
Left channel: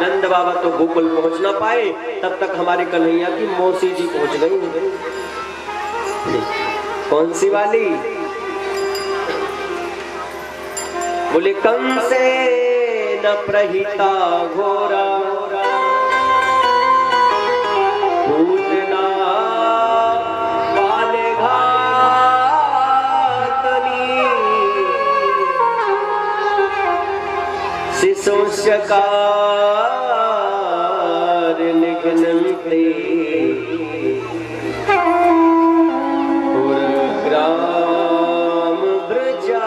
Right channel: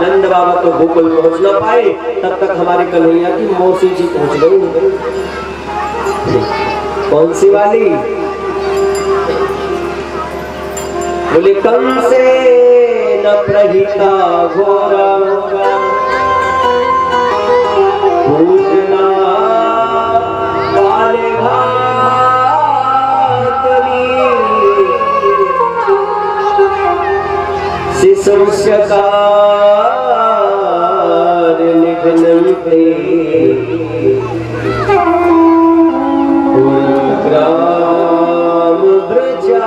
नंद बाबा तो गोकुल पहुंच ना पाए, तब तक हमारे कन्हैया की मौसी जी पहुंच गई। कौन सी वाली? बोले कंसे न प्रहिता घोरा पूजना वाले शिशुष्यकार निघ्नन्ते ग्राम ब्रजादिशो।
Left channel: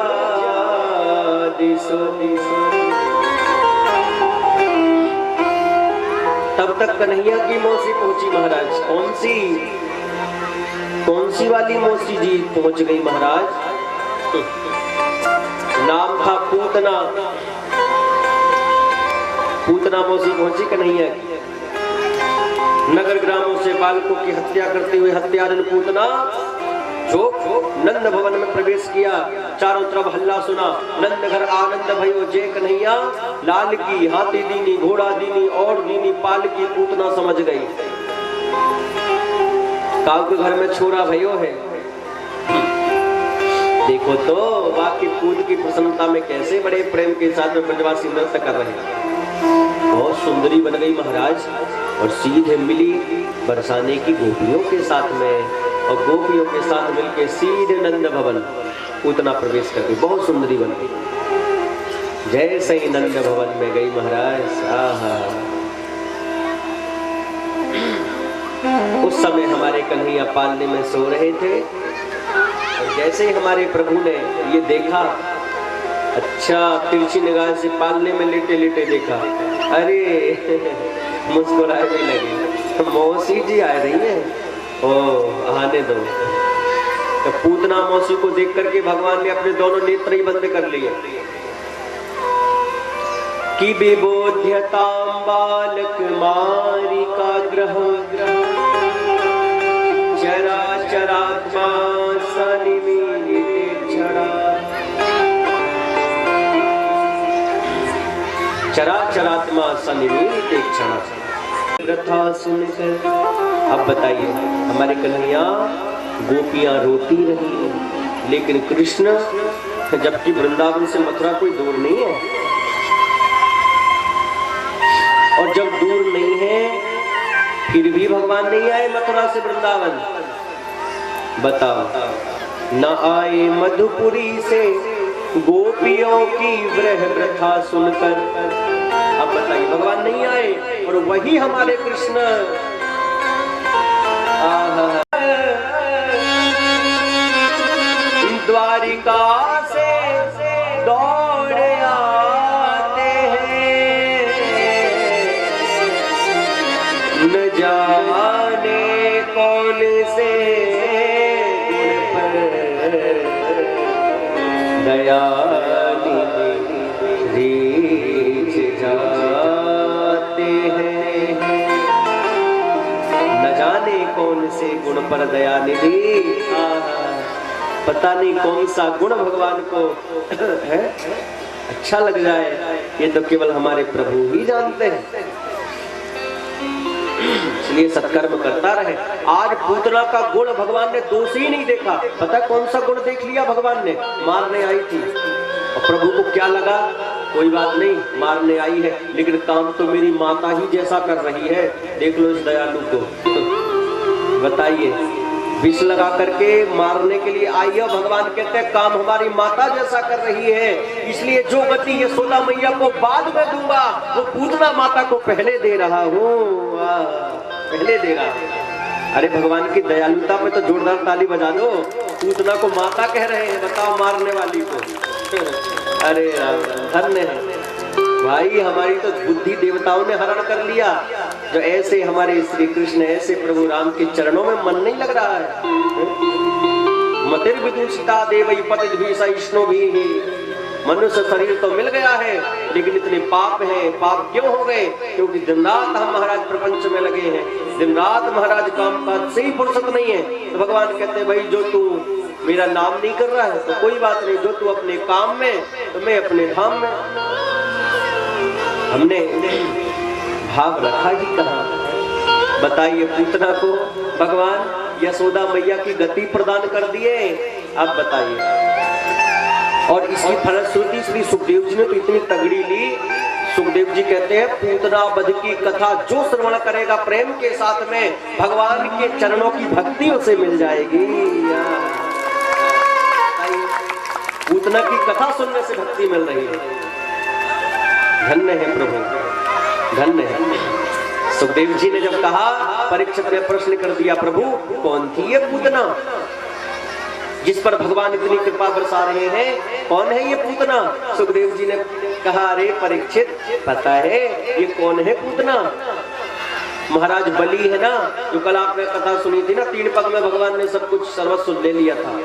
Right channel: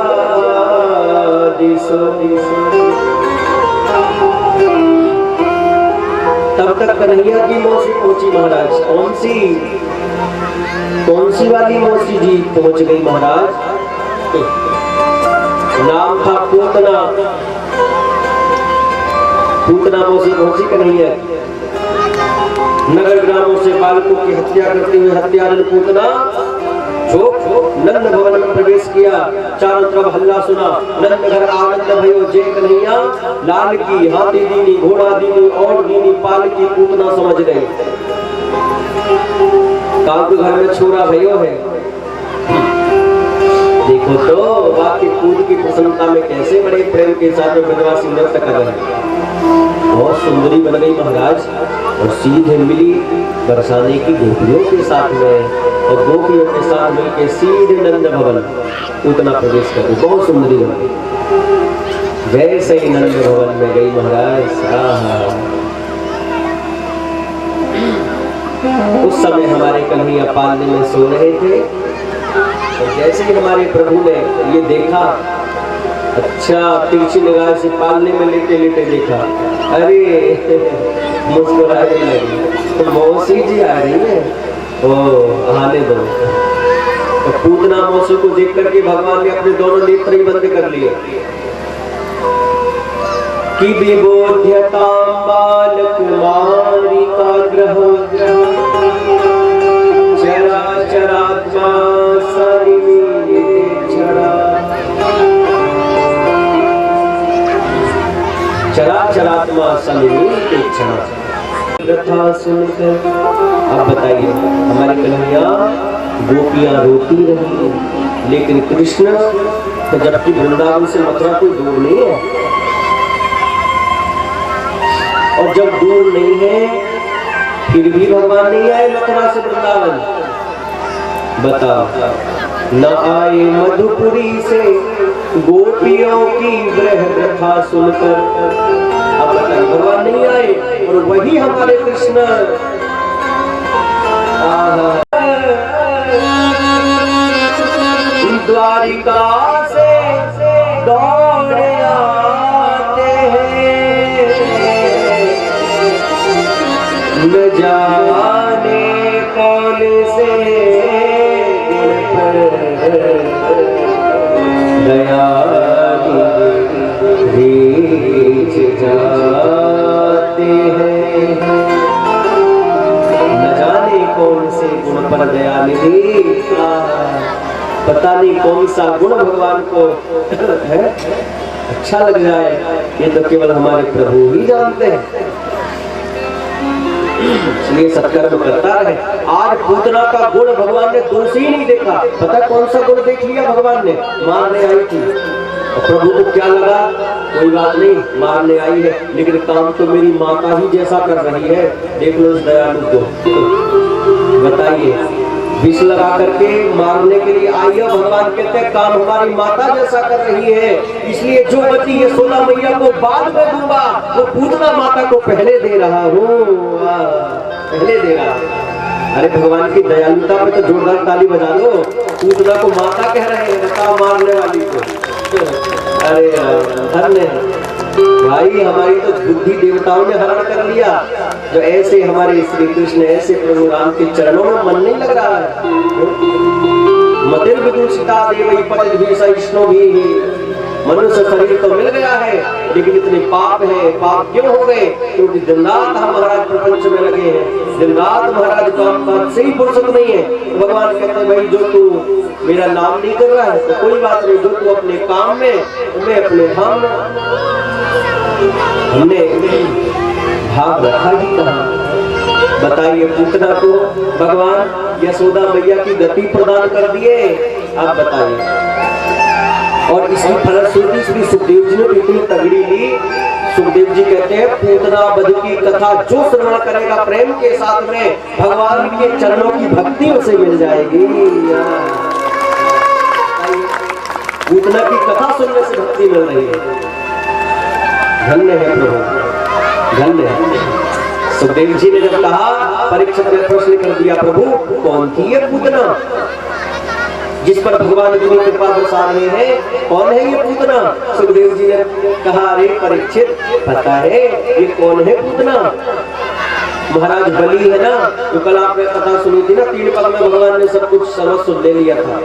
तब तक कन्हैया की मौसी पहुंची महाराज। कौन सी वाली मौसी जी पहुंच गई महाराज? नाम था पूतना। पूतना मौसी पहुंची कन्हैया। नगर ग्रामों से बालकों की हत्या करते हुए हत्यारन पूतना जो नंद भवन में प्रवेश किया। चारों तरफ हल्ला सुना, नंद घर आनंद भयो जय कन्हैया, लाल की हाथी दीनी घोड़ा दीनी और दीनी पाल की पूतना समझ गई। काक घर में छोरा भयो है। देखो तो वाकई पूत की प्रसन्नता में कैसे बड़े प्रेम के साथ में ब्रजवासी नृत्य कर रहे हैं। बहुत सुंदरी बन गई महाराज और सीधे मिली बरसाने की गोपियों के साथ में, और गोपियों के साथ मिलकर सीधे नंद भवन उतना प्रवेश कर गई। बहुत सुंदरी बन गई। जैसे ही नंद भवन में गई महाराज, उस समय हमारे कन्हैया पालने में सो रहे थे। और जैसे ही हमारे प्रभु ने ये देखा, अच्छा तिरछी निगाह से पालने में लेटे लेटे देखा, अरे मुस्कुराने लगी। तो मौसी जी आ रही है, ओ आने दो। तो पूतना मौसी को देख करके भगवान ने अपने दोनों नेत्र ही बंद कर लिए। कि विबोध्यता बालक मारी का ग्रह चरा चरात्मा चराचरात्मा सन्निहित क्षण कथा सुनकर। अब बताइए, हमारी कन्हैया गोपियां रोती रही, लेकिन कृष्ण जबकि वृंदावन से मथुरा कोई दूर नहीं है, और जब दूर नहीं है फिर भी भगवान नहीं आए मथुरा से वृंदावन। बताओ, न आए मधुपुरी से गोपियों की विरह व्यथा सुनकर। अब बताइए, भगवान नहीं आए और वही हमारे कृष्ण द्वारिका से दौड़ आते हैं, न जाने कौन से दया रीच जाते हैं। न जाने कौन से गुण पर दया निधि, पता नहीं कौन सा गुण भगवान को है अच्छा लग जाए, ये तो केवल हमारे प्रभु ही जानते हैं। इसलिए सत्कर्म करता रहे। आज पूतना का गुण भगवान ने दोष ही नहीं देखा। पता कौन सा गुण देख लिया भगवान ने? मारने आई थी, और प्रभु को क्या लगा, कोई बात नहीं मारने आई है, लेकिन काम तो मेरी माता ही जैसा कर रही है। देख लो इस दयालु को। बताइए, विष लगा करके मारने के लिए आई है। भगवान कहते हैं काम हमारी माता जैसा कर रही है, इसलिए जो बची यशोदा मैया को बाद में दूंगा, वो पूतना माता को पहले दे रहा हूँ, पहले दे रहा हूँ। अरे भगवान की दयालुता पे तो जोरदार ताली बजा दो। पूतना को माता कह रहे हैं, बताओ मारने वाली को। अरे धन्य भाई, हमारी तो बुद्धि देवताओं ने हरण कर लिया। जो ऐसे हमारे श्री कृष्ण, ऐसे प्रभु राम के चरणों में मन नहीं लग रहा है। मतिर विदुषिता देवई पतित भी सहिष्णु भी, मनुष्य शरीर तो मिल गया है, लेकिन इतने पाप है। पाप क्यों हो गए? क्योंकि दिन रात हम महाराज प्रपंच में लगे हैं, दिन रात महाराज काम काज से ही फुर्सत नहीं है। तो भगवान कहते हैं भाई जो तू मेरा नाम नहीं कर रहा है तो कोई बात नहीं, जो तू अपने काम में, मैं अपने धाम में। हमने भाग रखा ही कहा। बताइए, पूतना को भगवान यशोदा मैया की गति प्रदान कर दिए। आप बताइए। और इसकी फलश्रुति श्री सुखदेव जी ने इतनी तगड़ी ली। सुखदेव जी कहते हैं पूतना वध की कथा जो श्रवण करेगा प्रेम के साथ में, भगवान के चरणों की भक्ति उसे मिल जाएगी। पूतना की कथा सुनने से भक्ति मिल रही है। धन्य है प्रभु, धन्य है। सुखदेव जी ने जब कहा, परीक्षित ने प्रश्न कर दिया, प्रभु कौन थी ये पूतना जिस पर भगवान इतनी कृपा बरसा रहे हैं? कौन है ये पूतना? सुखदेव जी ने कहा, अरे परीक्षित पता है ये कौन है पूतना? महाराज बलि है ना, जो कल आपने कथा सुनी थी ना, 3 पग में भगवान ने सब कुछ सर्वस्व ले लिया था।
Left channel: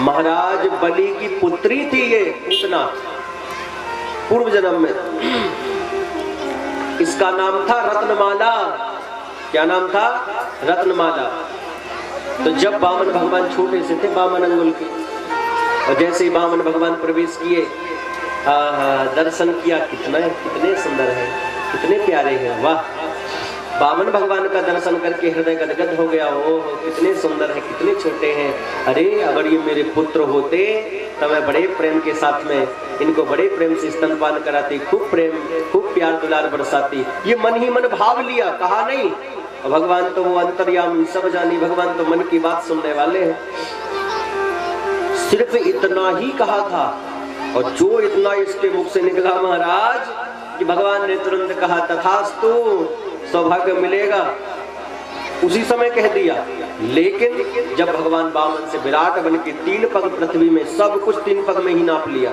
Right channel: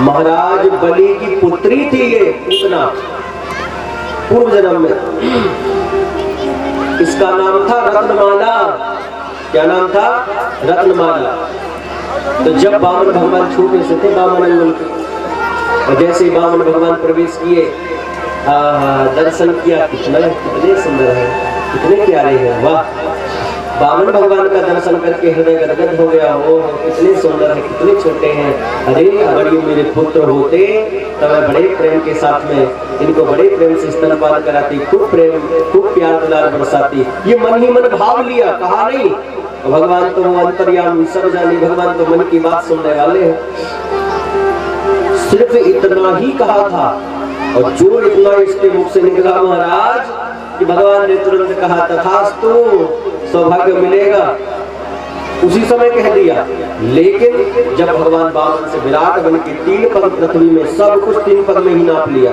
महाराज बलि की पुत्री थी ये पूतना, पूर्व जन्म में। इसका नाम था रत्नमाला। क्या नाम था? रत्नमाला। तो जब बामन भगवान छोटे से थे, बामन अंगुल के, और जैसे ही बामन भगवान प्रवेश किए, दर्शन किया, कितने सुंदर है, कितने प्यारे हैं, वाह। बामन भगवान का दर्शन करके हृदय गदगद हो गया। ओ कितने सुंदर है, कितने छोटे हैं। अरे अगर ये मेरे पुत्र होते तो मैं बड़े प्रेम के साथ में इनको बड़े प्रेम से स्तनपान कराती, खूब प्रेम, खूब प्यार दुलार बरसाती। ये मन ही मन भाव लिया, कहा नहीं। भगवान तो वो अंतर्यामी सब जानी, भगवान तो मन की बात सुनने वाले हैं। सिर्फ इतना ही कहा था, और जो इतना इसके मुख से निकला महाराज कि भगवान ने तुरंत कहा तथास्तु, सौभाग्य मिलेगा, उसी समय कह दिया। लेकिन जब भगवान बामन से विराट बन के 3 पग पृथ्वी में, सब कुछ 3 पग में ही नाप लिया,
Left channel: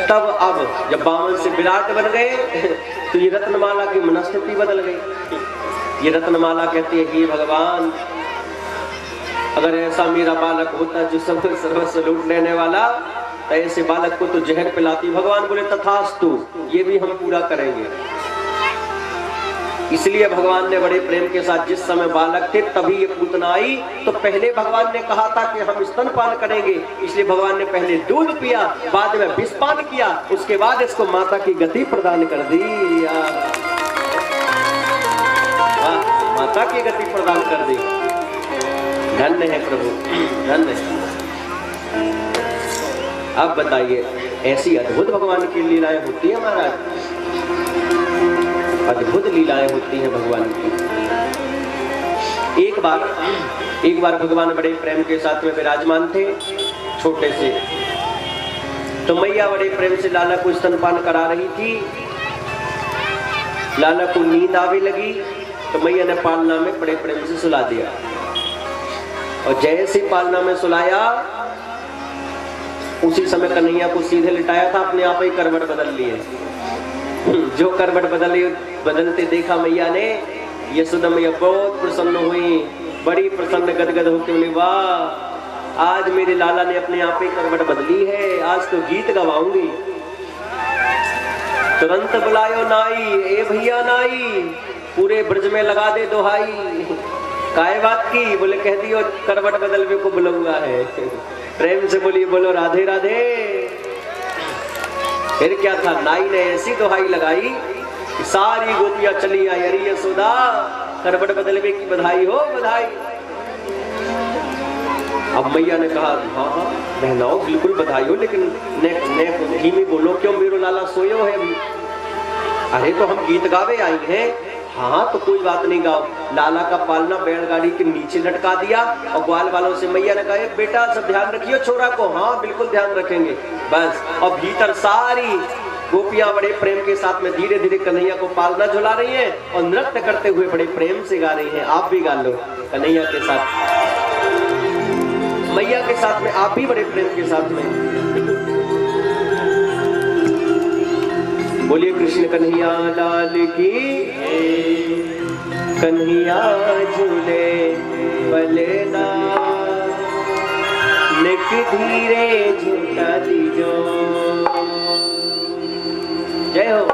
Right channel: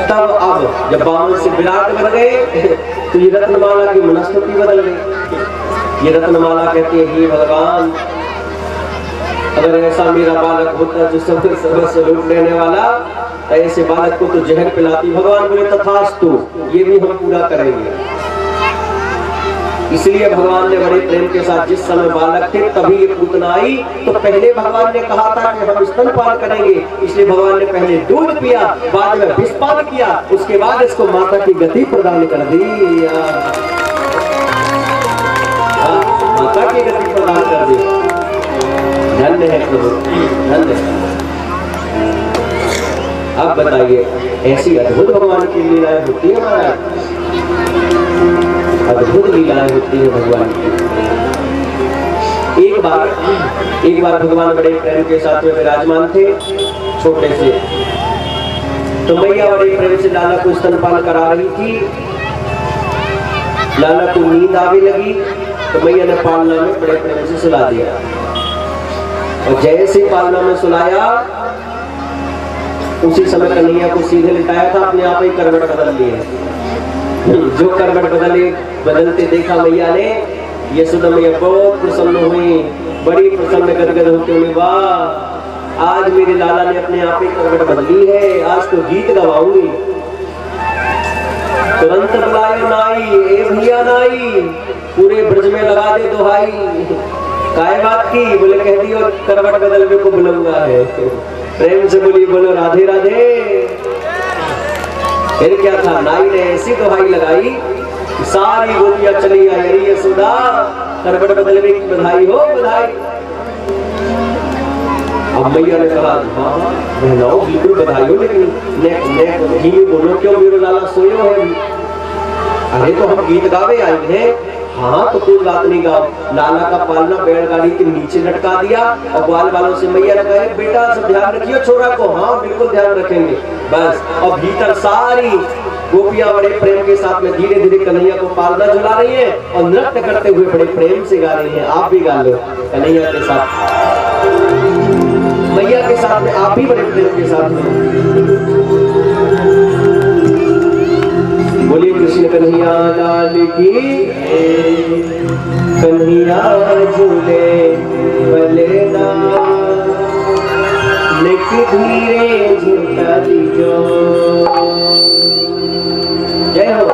तब अब जब बामन से विराट बन गए तो ये रत्नमाला की मनस्थिति बदल गई। ये रत्नमाला कहती है, हे भगवान, अगर ऐसा मेरा बालक होता जो सर्वस्व लूट लेने वाला, ऐसे बालक को तो जहर पिलाती। भगवान बोले तथास्तु, ये भी हम पूरा करेंगे। इसलिए भगवान ने बड़े प्रेम के साथ, जिस समय बालक थे तभी ये पूतना आई। तो पहले भगवान ने कहा था कि हम स्तनपान करेंगे, इसलिए भगवान ने पहले दूध पिया, बाद में विषपान किया, उसके बाद इसको माता की गति प्रदान कर दी। माता की गति प्रदान कर दी। धन्य है प्रभु, धन्य है। अब बताइए, ऐसी अद्भुत भगवान की लीलाएं होती है महाराज, अद्भुत लीलाएं होती है भगवान की। एक बार भगवान बड़े प्रेम के साथ में विराजमान थे, छोटे से। तो मैया बड़े प्रेम से लाला को स्तनपान करा रही थी। लाला को नींद आने लगी तो मैया ने पालना में बड़े प्रेम से सुला दिया, और जैसे पालना में सुलाया उसी समय कन्हैया को सीधे लिटाया था, अपने आप ही करवट बदल लिए। जो करवट बदलते देखा मैया ने, यशोदा मैया बहुत प्रसन्न हुई, बड़ी प्रसन्न गदगद होते हुए, वाह आज मेरे लाला ने अपने आप ही करवट बदली है, आज तो गीत गवाऊंगी। तुरंत बुलायो नाई, ए भैया नाई, पूरे ब्रज में लगा दे दोहाई। काय बात की? बोले कह दी और करवट बदलने को बुलंदा है। प्रेम से बोलिए, बोलो राधे राधे। फिर क्या था, नाई ने ऐसी दोहाई लगाई, सारी गोपियां चली आई, अरे यशोदा करवट बदलने की बधाई हो, बधाई। अब मैया ने कहा, हाँ बहनाओ बिल्कुल बधाई हो, लेकिन धीमी बोलो, क्यों मेरो लाला सोयो है? अरे तो हम गीत गावे आए हैं, हाँ तो कोई बात नहीं गाँव, लाला का पालना बैलगाड़ी के नीचे लटका दिया और ग्वाल वालों से मैया ने कहा बेटा सब ध्यान रखियो छोरा को। हाँ बिल्कुल ध्यान रखेंगे। बस और भीतर सारी गोपियां बड़े प्रेम के साथ में धीरे धीरे कन्हैया को पालना झुला रही हैं और नृत्य करते हुए बड़े प्रेम से गा रही हैं। आप भी गा लो कन्हैया के साथ, मैया के साथ में, आप भी बड़े प्रेम के साथ में। बोलिए कृष्ण कन्हैया लाल की, कन्हैया झूले बलेना लेक धीरे झूठा दीजो। जय हो।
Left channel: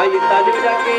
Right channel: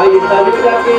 आइए ताली बजा के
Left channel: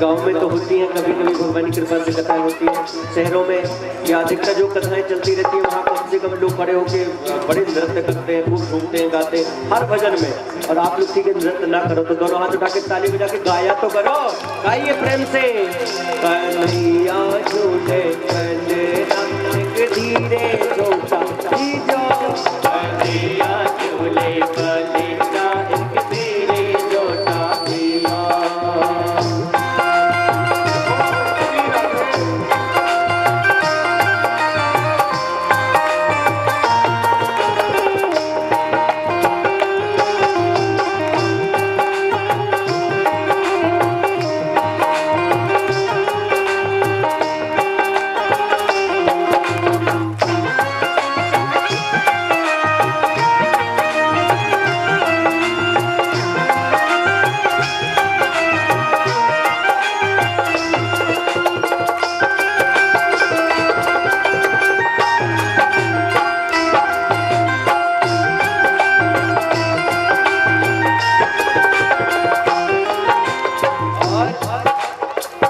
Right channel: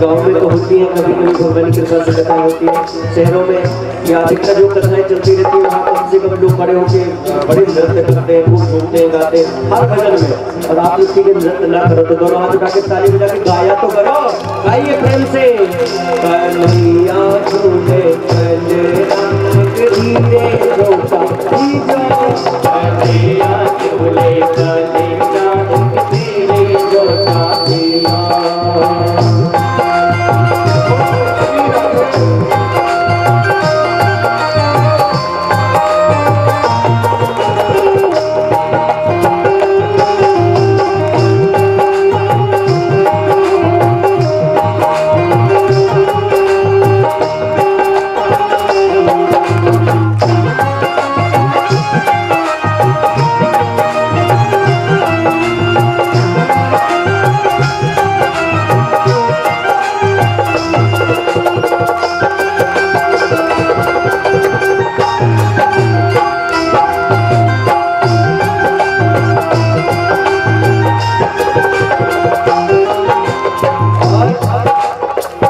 गाँव में तो होती है, कभी कभी भगवान की कृपा से कथाएं होती है। शहरों में या अधिकतर जो कथाएं चलती रहती है वहाँ कम से कम लोग खड़े होकर बड़े नृत्य करते हैं, खूब घूमते हैं, गाते हैं हर भजन में। और आप किसी के नृत्य ना करो तो दोनों हाथ उठा के ताली बजा के गाया तो करो, गाइए प्रेम से। कन्हैया झूले कन्हैया धीरे झूठा दीजो, कन्हैया झूले कन्हैया धीरे झूठा दीजो।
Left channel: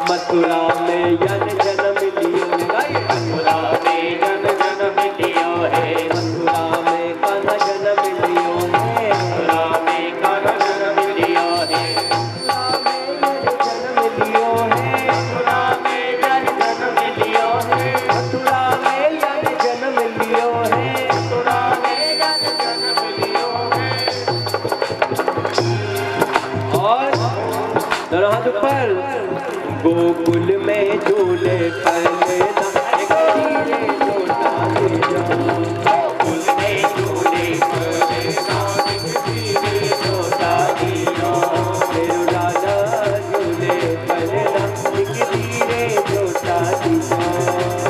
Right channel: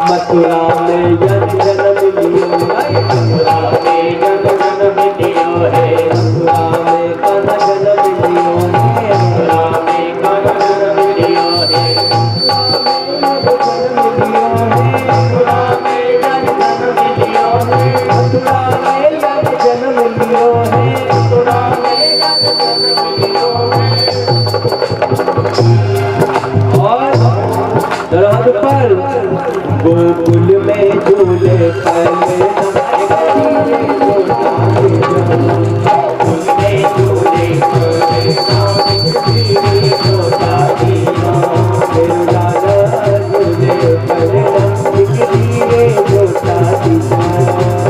मथुरा में जन जन्म लियो है, मथुरा में जन जन्म लियो है, मथुरा में कन्हा जन्म लियो है, मथुरा में कन्हा जन्म लियो है, मथुरा में जन जन्म लियो है, मथुरा में जन जन्म लियो है, मथुरा में जन जन्म लियो है। और दरवाज़ पर गोकुल में झूले कन्हैया धीरे झूठा दीजो, गोकुल में झूले कन्हैया धीरे झूठा दीजो, मेरे लाला झूले कन्हैया धीरे झूठा दीजो,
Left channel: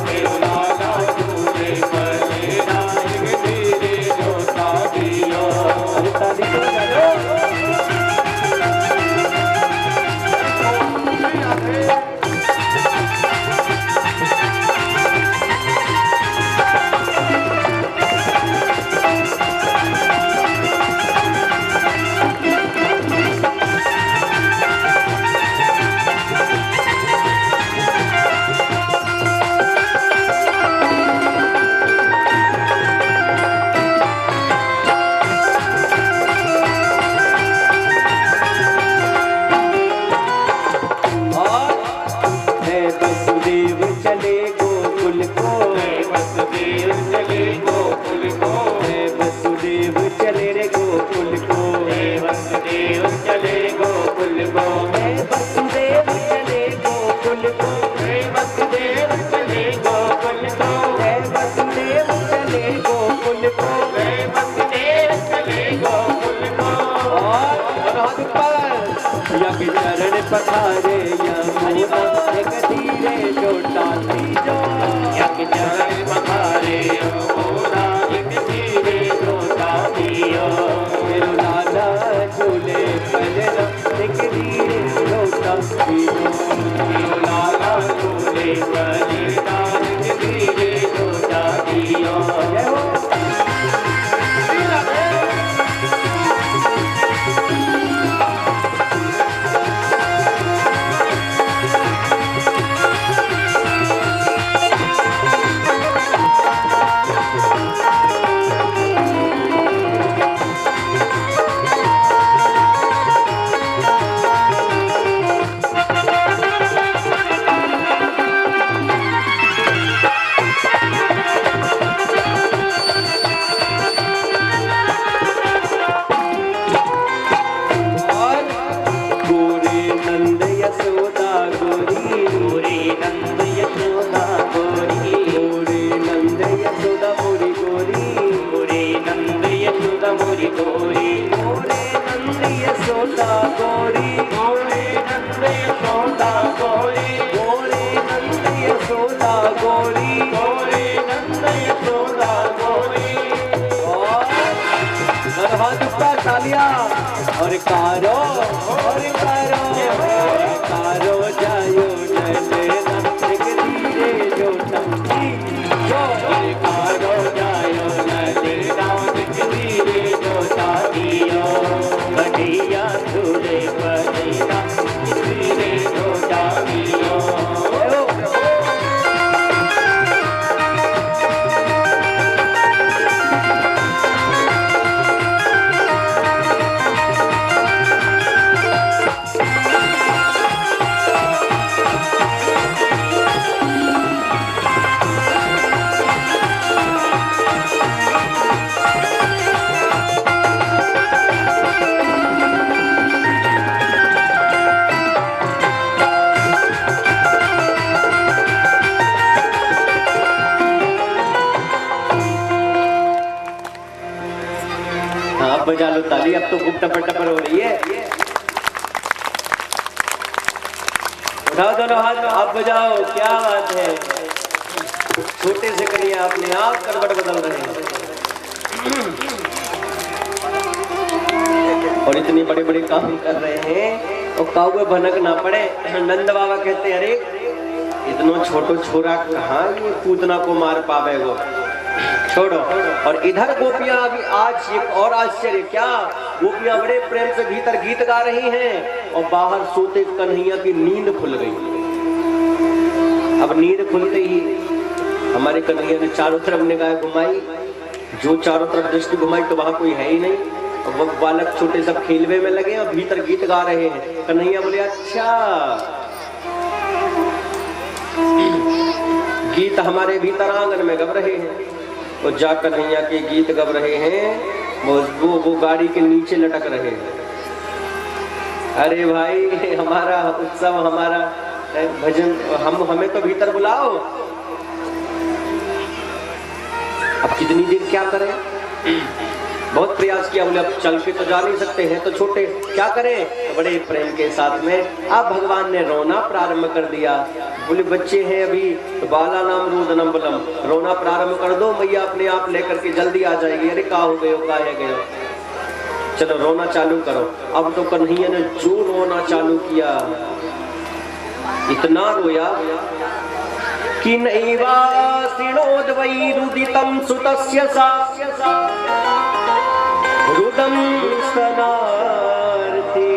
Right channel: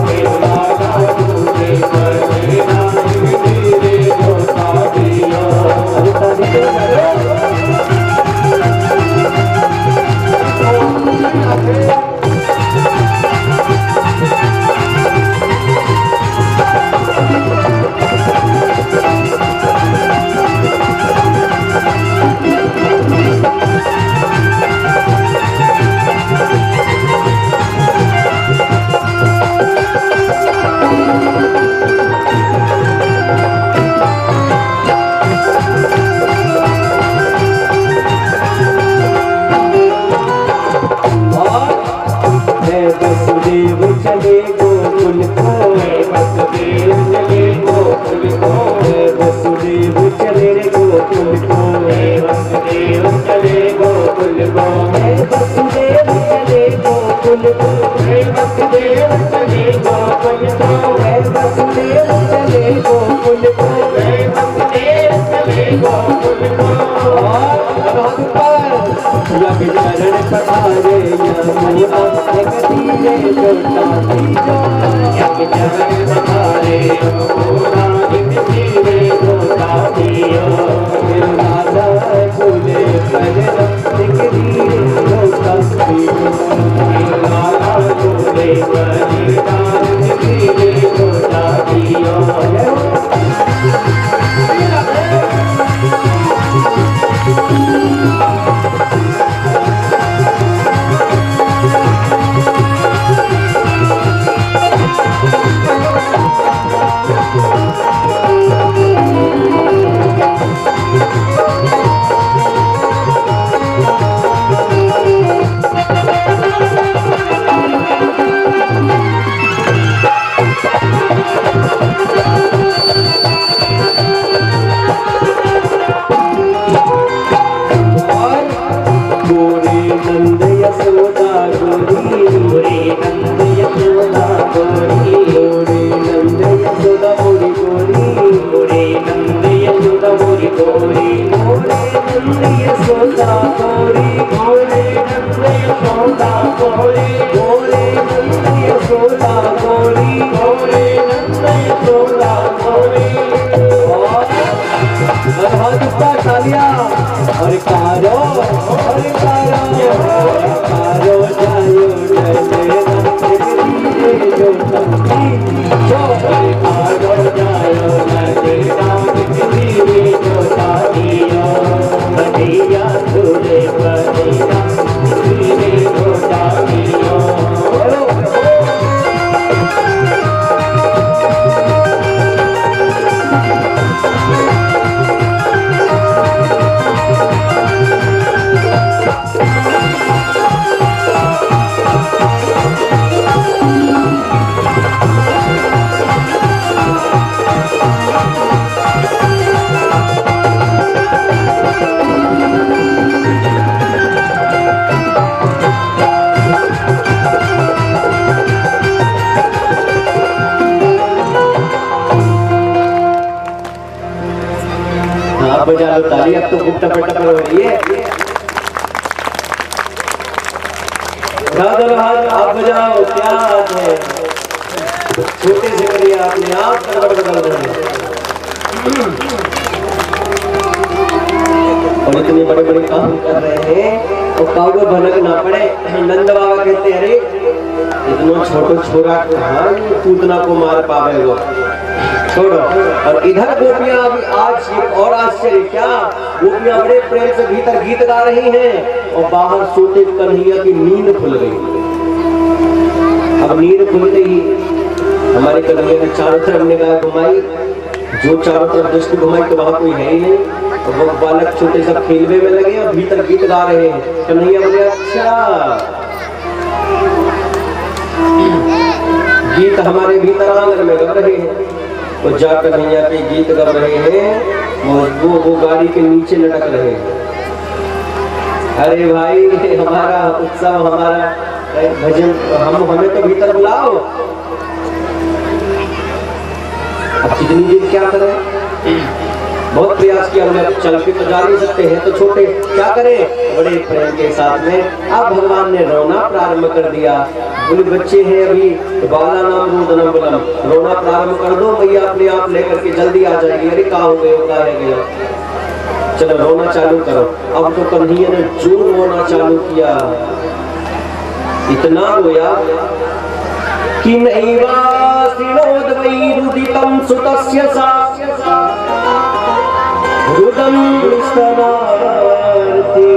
मेरे लाला झूले कन्हैया धीरे झूठा दीजो। वसुदेव चले गोकुल को, वसुदेव चले गोकुल को, वसुदेव चले गोकुल को, वसुदेव चले गोकुल को, वसुदेव चले गोकुल को, वसुदेव चले गोकुल को, वसुदेव चले गोकुल को, वसुदेव चले गोकुल को। यज्ञ चरण पधारे यमुना एक धीरे झूठा दीजो, यज्ञ चरण पधारे यमुना एक धीरे झूठा दीजो। अब बजा लो ताली, अब तो खूब टपर टपर हो रही है। उठा दो हाथ, अब बजाओ, क्या बात है। छोटे से करिए, अपने आप करवट बदल रहे हैं और इतने बड़े बड़े काम कर रहे हैं और काऊ को भनक ना पड़े। नंद बाबा कहते अरे इतना छोटो छोरा कहाँ पूतना को मार पावे वो, छोड़ो। और इधर गोपियां अभी आज एक और आश्चर्य, क्या गोपियां बड़े प्रेम से भीतर गीत गा रही हैं और बाहर सोते कन्हैया की नींद खुल गई। अब नींद खुलते ही हमारे कन्हैया ने चारों तरफ निगाह घुमाई, जो चारों तरफ दृष्टि घुमाई तो वहां कोई है ही नहीं। और वो बालक छोटे सब खेलवे में लगे और भीतर गीत गा रहे हैं। कन्हैया बोले अच्छा गीत हमारे भीतर आंगन में गा रहे हैं। तो जा कन्हैया के गीत गा रहे हैं, वो गाड़ी के नीचे लटक रहे हैं। अरे भाई हमारा उत्सव, हमारा भजन, हमें तो भीतर बुलाओ। अब कितनी देर क्या करें, बहुत प्रयास किया, बोले अब चल के तो जा नहीं सकते हैं तो छोटे, क्या करें। बड़े प्रेम के साथ में अब भगवान ने रोना प्रारंभ कर दिया। बोले बच्चे हैं अभी तो बाला नाम रोदनम बलम, रोना प्रारंभ कर दो, मैया अपने आप लेकर के जल्दी आ जाएगी। अरे कहाँ हो गए, कहाँ है गया, चलो रोना चालू करो। अब तो कन्हैया ने जोर रोना चालू किया, इतना रोया कि नैवासिनोद्वै रुदितं सुतस्य सा रुदं स्तनार्ते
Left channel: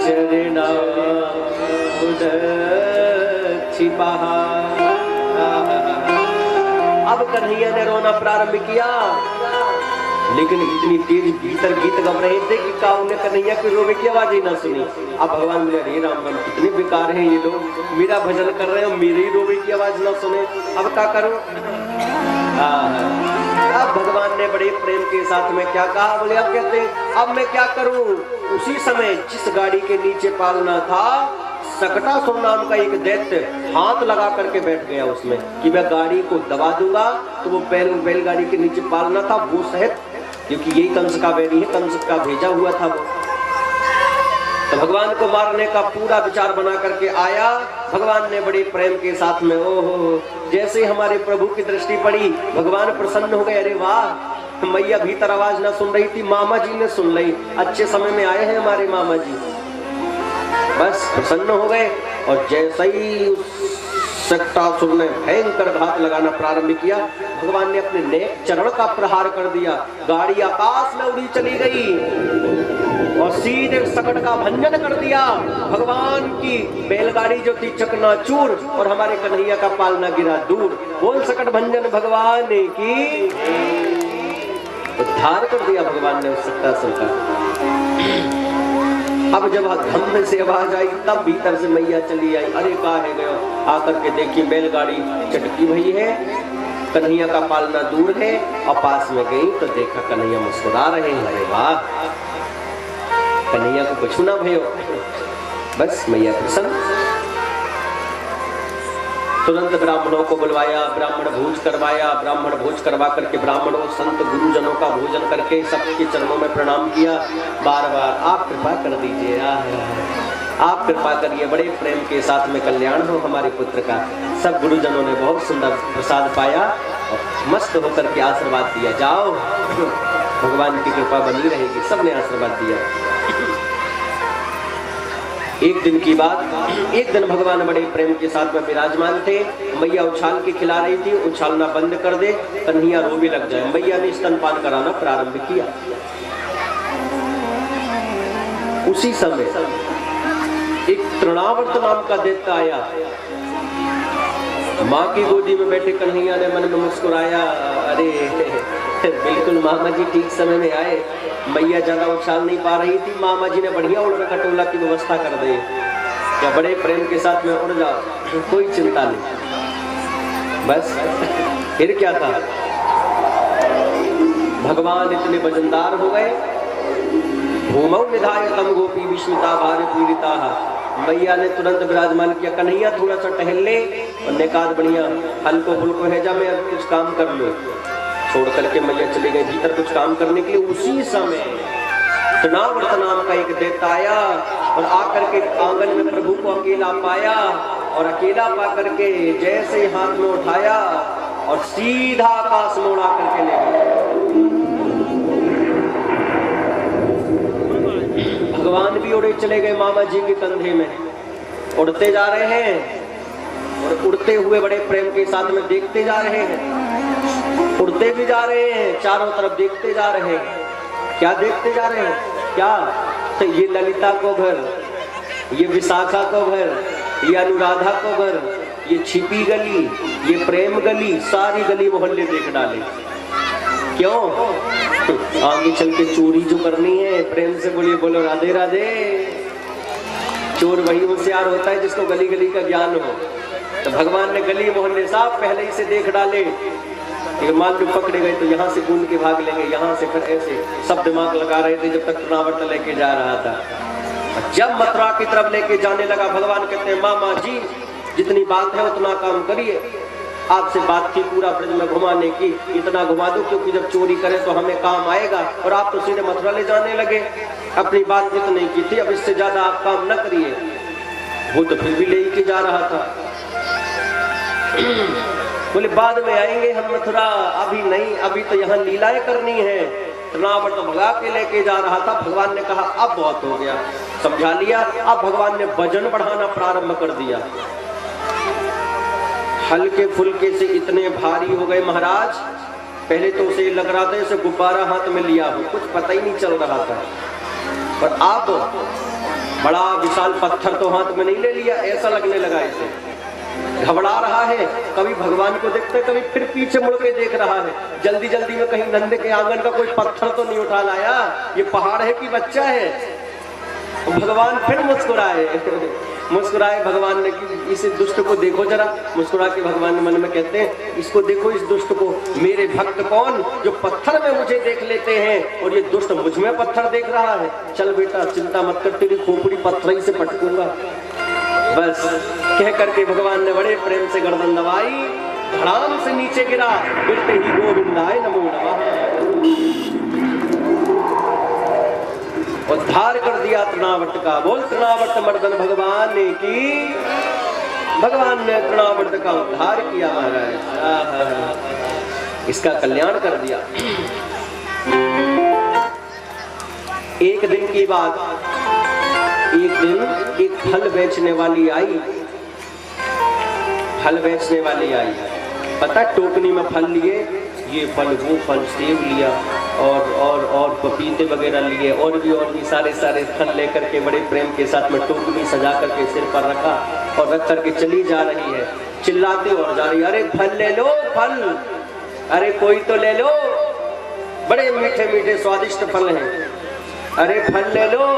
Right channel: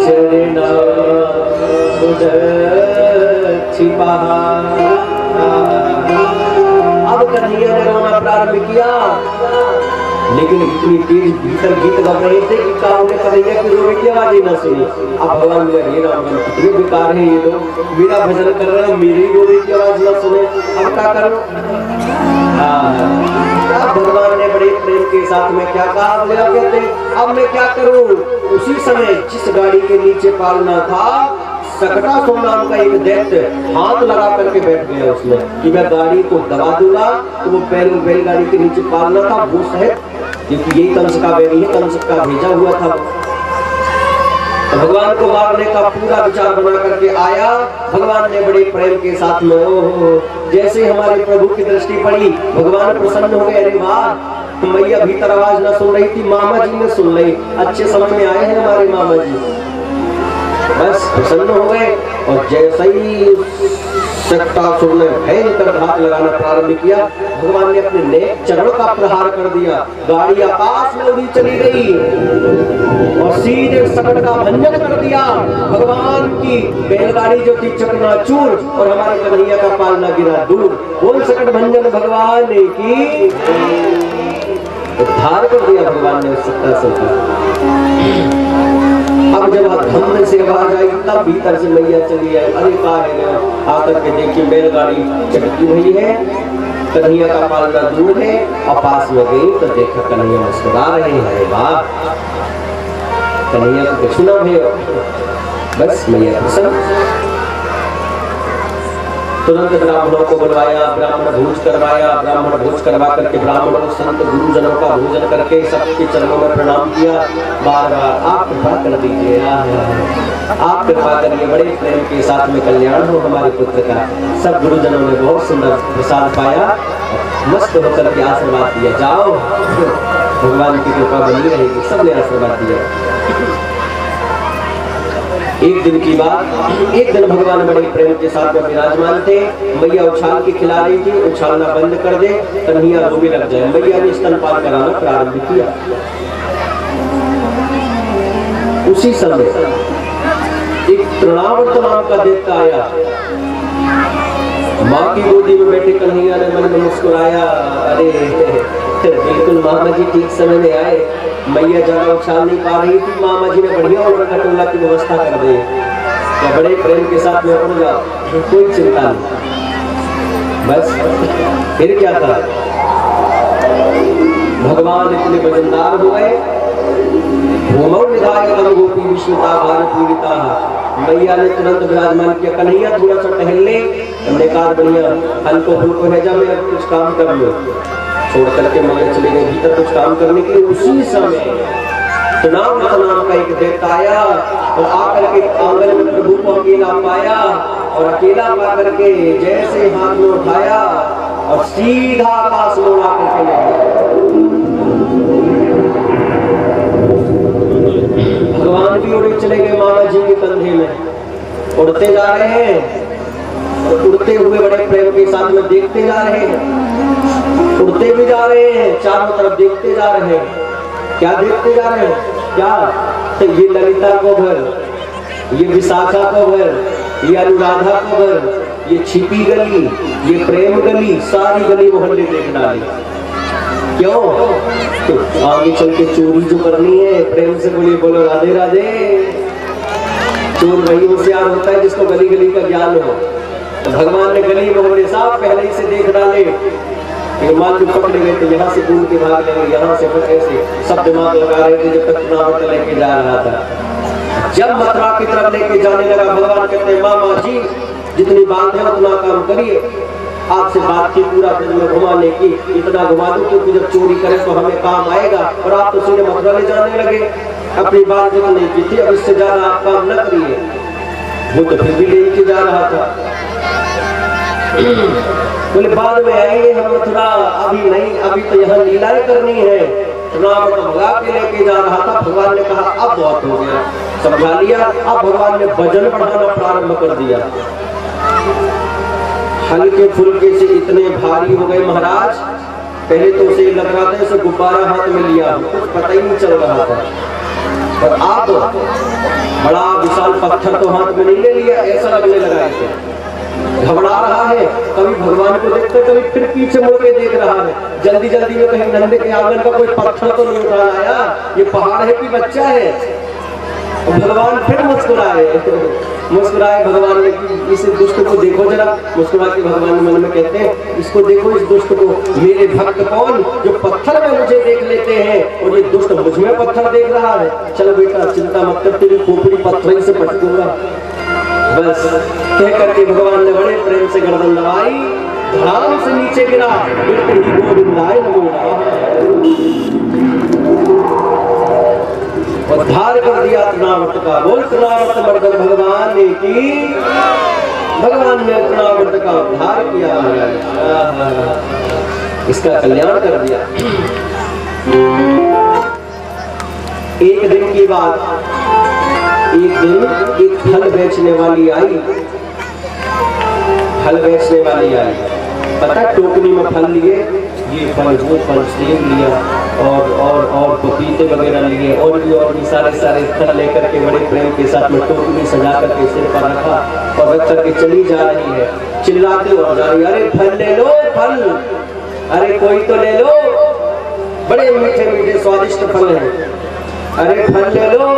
चरणाम्बुदच्छिपः। अब कन्हैया ने रोना प्रारंभ किया, लेकिन इतनी तेज भीतर गीत गा रहे थे कि काऊ ने कन्हैया की रोने की आवाज ही ना सुनी। अब भगवान बोले हे रामगण कितने बेकार हैं ये लोग, मेरा भजन कर रहे हैं, मेरी रोने की आवाज ना सुने, अब क्या करूं। अब भगवान ने बड़े प्रेम के साथ में क्या कहा, बोले अब कहते अब मैं क्या करूं। उसी समय जिस गाड़ी के नीचे पालना था, सकटासुर नाम का एक दैत्य हाथ लगा करके बैठ गया उसमें कि मैं गाड़ी को दबा दूंगा। तो वो बैलगाड़ी के नीचे पालना था वो सहित, क्योंकि यही कंस का बैरी है, कंस का भेजा हुआ था। तो भगवान को मारने का पूरा विचार बना करके आया। भगवान ने बड़े प्रेम के साथ में जैसे हमारे प्रभु की दृष्टि पड़ी, भगवान प्रसन्न हो गए। अरे वाह, मैया भीतर आवाज ना सुन रही थी, मामा जी ने सुन ली। अच्छे समय में आए हैं हमारे मामा जी, बस प्रसन्न हो गए। और जैसे ही सकटासुर ने भयंकर घात लगाना प्रारंभ किया, भगवान ने अपने नेक चरण का प्रहार कर दिया। गाड़ी आकाश में उड़ी चली गई और सीधे सकट का भंजन कर दिया। भगवान की बैलगाड़ी जो थी चकनाचूर और हमारे कन्हैया का पालना गिरा दूर। बोल सकट भंजन भगवान की, उद्धार कर दिया भगवान ने सकटासुर का। अब जब धम्म से आवाज आई तब भीतर से मैया चली आई। अरे कहा है, आकर के देखिए बैलगाड़ी चटकी हुई है, कन्हैया का पालना दूर है। और पास में गई तो देखा कन्हैया मुस्कुरा रहे हैं। अरे वाह, कन्हैया को कुछ ना भयो, बस मैया प्रसन्न। तुरंत ब्राह्मणों को बुलवाया, ब्राह्मण भोज करवाया। ब्राह्मण भोज करवा करके ब्राह्मणों को संत गुरुजनों का भोजन करके सबके चरणों में प्रणाम किया। बार बार आप कृपा कर दीजिए, आप कृपा करिए, बड़े प्रेम के साथ में कल्याण हो हमारे पुत्र का। सब गुरुजनों ने बहुत सुंदर प्रसाद पाया, मस्त होकर के आशीर्वाद दिया। जाओ, भगवान की कृपा बनी रहेगी। सबने आशीर्वाद दिया। एक दिन की बात, एक दिन भगवान बड़े प्रेम के साथ में विराजमान थे। मैया उछाल के खिला रही थी, उछालना बंद कर दे, कन्हैया रोने लग जाए। मैया ने स्तनपान कराना प्रारंभ किया। उसी समय एक तृणावर्त नाम का दैत्य आया। माँ की गोदी में बैठे कन्हैया ने मन में मुस्कुराया। अरे बिल्कुल मामा जी ठीक समय में आए। मैया ज्यादा उछाल नहीं पा रही थी, मामा जी ने बढ़िया उड़ खटोला की व्यवस्था कर दी। क्या बड़े प्रेम के साथ में उड़ जाओ, कोई चिंता नहीं। बस फिर क्या था, भगवान इतने वजनदार हो गए। भूमौ निधाय तम गोपी विष्णुता भार पीड़िता। मैया ने तुरंत विराजमान किया, कन्हैया थोड़ा सा टहल ले, हमने कहा बढ़िया हल्को फुल्को है, जा मैं कुछ काम कर लो। छोड़ करके मैया चले गए भीतर कुछ काम करने के लिए। उसी समय तनावट नाम का एक दैत्य आया और आकर के आंगन में प्रभु को अकेला पाया और अकेला पा करके जैसे हाथ में उठाया और सीधा आकाश में उड़ा करके ले गया। भगवान भी उड़े चले गए मामा जी के कंधे में, उड़ते जा रहे हैं और उड़ते हुए बड़े प्रेम के साथ में देखते जा रहे हैं, उड़ते भी जा रहे हैं, चारों तरफ देखते जा रहे हैं। क्या देखते जा रहे हो? क्या? तो ये ललिता को भर, ये विशाखा को भर, ये अनुराधा को भर, ये छिपी गली, ये प्रेम गली, सारी गली मोहल्ले देख डाली। क्यों? आगे चल के चोरी जो करनी है, प्रेम से बोलिए, बोलो राधे राधे। चोर वही होशियार होता है जिसको गली गली का ज्ञान हो। तो भगवान ने गली मोहल्ले साफ पहले ही से देख डाले। मान लो पकड़े गए तो यहाँ से कूद के भाग लेंगे, यहाँ से फिर ऐसे सब दिमाग लगा रहे थे जब तक तनावट लेके जा रहा था। जब मथुरा की तरफ लेके जाने लगा, भगवान कहते हैं मामा जी जितनी बात है उतना काम करिए। आपसे बात की पूरा ब्रज में घुमाने की, इतना घुमा दो क्योंकि जब चोरी करें तो हमें काम आएगा। और आप तो सीधे मथुरा ले जाने लगे, अपनी बात तो नहीं की थी, अब इससे ज्यादा आप काम न करिए। वो तो फिर भी लेके जा रहा था। बोले बाद में आएंगे हम मथुरा, अभी नहीं, अभी तो यहाँ लीलाएं करनी है। रावण तो भगा के लेके जा रहा था। भगवान ने कहा अब बहुत हो गया, समझा लिया। अब भगवान ने वजन बढ़ाना प्रारंभ कर दिया। हल्के फुल्के से इतने भारी हो गए महाराज, पहले तो उसे लग रहा था जैसे गुब्बारा हाथ में लिया, कुछ पता ही नहीं चल रहा था। और अब बड़ा विशाल पत्थर तो हाथ में नहीं ले लिया, ऐसा लगने लगा ऐसे घबरा रहा है। कभी भगवान को देखते, कभी फिर पीछे मुड़ के देख रहा है। जल्दी जल्दी में कहीं नंद के आंगन का कोई पत्थर तो नहीं उठा लाया, ये पहाड़ है कि बच्चा है। और भगवान फिर मुस्कुराए भगवान ने कि इस दुष्ट को देखो जरा। मुस्कुरा के भगवान मन में कहते हैं इसको देखो, इस दुष्ट को। मेरे भक्त कौन जो पत्थर में मुझे देख लेते हैं और ये दुष्ट मुझ में पत्थर देख रहा है। चल बेटा चिंता मत कर, तेरी खोपड़ी पत्थर ही से पटकूंगा। बस कह करके भगवान ने बड़े प्रेम से गर्दन दबाई, धड़ाम से नीचे गिरा, गिरते ही गोविंदाय नमो नमः, उद्धार कर दिया तनावट का। बोल तनावट मर्दन भगवान ने की, भगवान ने तनावट का उद्धार किया महाराज, इसका कल्याण कर दिया। एक दिन की बात, एक दिन एक फल बेचने वाली आई, फल बेचने वाली आई। पता टोकनी में फल लिए, ये फल वो फल, सेब लिया और पपीते वगैरह लिए और भी सारे फल लेकर के बड़े प्रेम के साथ में टोकरी सजा करके सिर पर रखा और रख करके चली जा रही है। चिल्लाते और जा रही, अरे फल ले लो फल, अरे कोई तो ले लो, बड़े मीठे मीठे स्वादिष्ट फल हैं, अरे फल ले लो।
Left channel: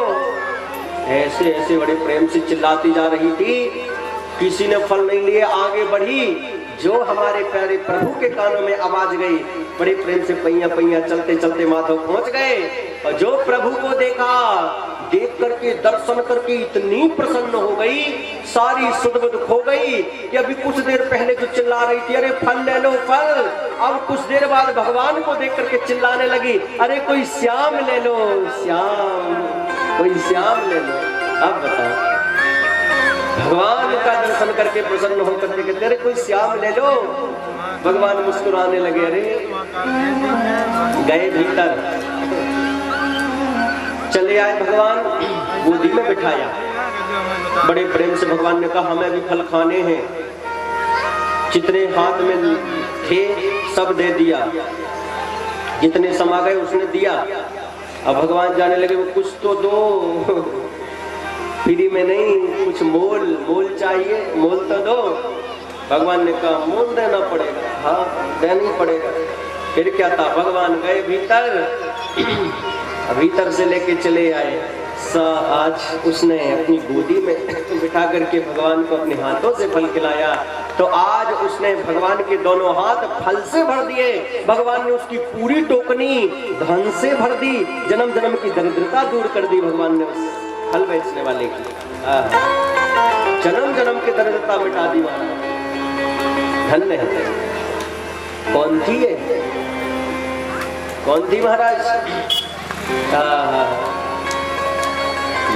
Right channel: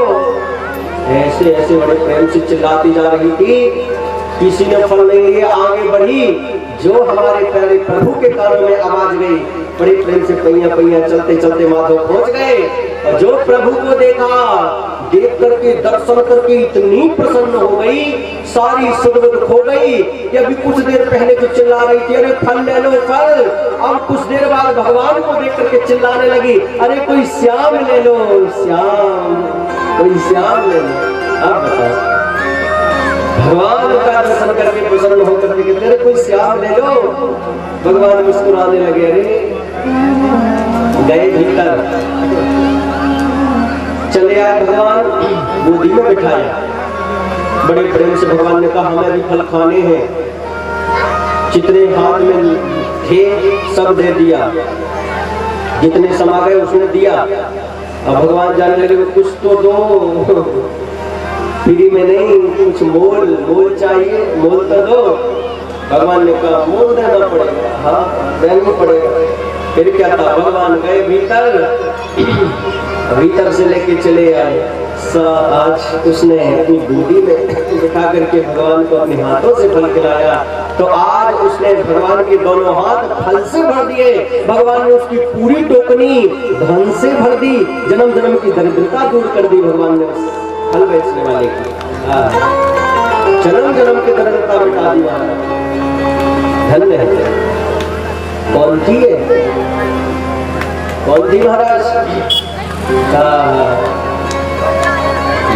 ऐसे ऐसे बड़े प्रेम से चिल्लाती जा रही थी। किसी ने फल नहीं लिए, आगे बढ़ी। जो हमारे प्यारे प्रभु के कानों में आवाज गई, बड़े प्रेम से पैया पैया चलते चलते माधव पहुंच गए। और जो प्रभु को देखा, देख करके दर्शन करके इतनी प्रसन्न हो गई, सारी सुध खो गई कि अभी कुछ देर पहले जो चिल्ला रही थी अरे फल ले लो फल, अब कुछ देर बाद भगवान को देख करके चिल्लाने लगी, अरे कोई श्याम ले लो श्याम, कोई श्याम ले लो। अब बताओ, भगवान का दर्शन करके प्रसन्न होकर के कहते कोई श्याम ले लो। भगवान मुस्कुराने लगे, अरे गए भीतर, चले आए भगवान, गोदी में बिठाया। बड़े प्रेम से भगवान ने कहा हमें भी फल खाने हैं। जितने हाथ में थे सब दे दिया, जितने समा गए उसने दिया। अब भगवान जाने लगे कुछ तो दो, फ्री में नहीं, कुछ मोल चाहिए, मोल तो दो। भगवान ने कहा मोल देना पड़ेगा, हाँ देना पड़ेगा। फिर क्या था, भगवान गए भीतर, भीतर से लेके चले आए। आज उसने अपनी गोदी में बिठा करके भगवान को अपने हाथों से फल खिलाया। तो आज उसने भगवान के दोनों हाथ फल से भर दिए। भगवान ने उसकी पूरी टोकनी धन से भर दी, जन्म जन्म की दरिद्रता दूर कर दी भगवान ने उस फल बेचने वाले की। जन्म जन्म की दरिद्रता मिटा दी। धन्य है। कौन थी है? कौन थी महाराज?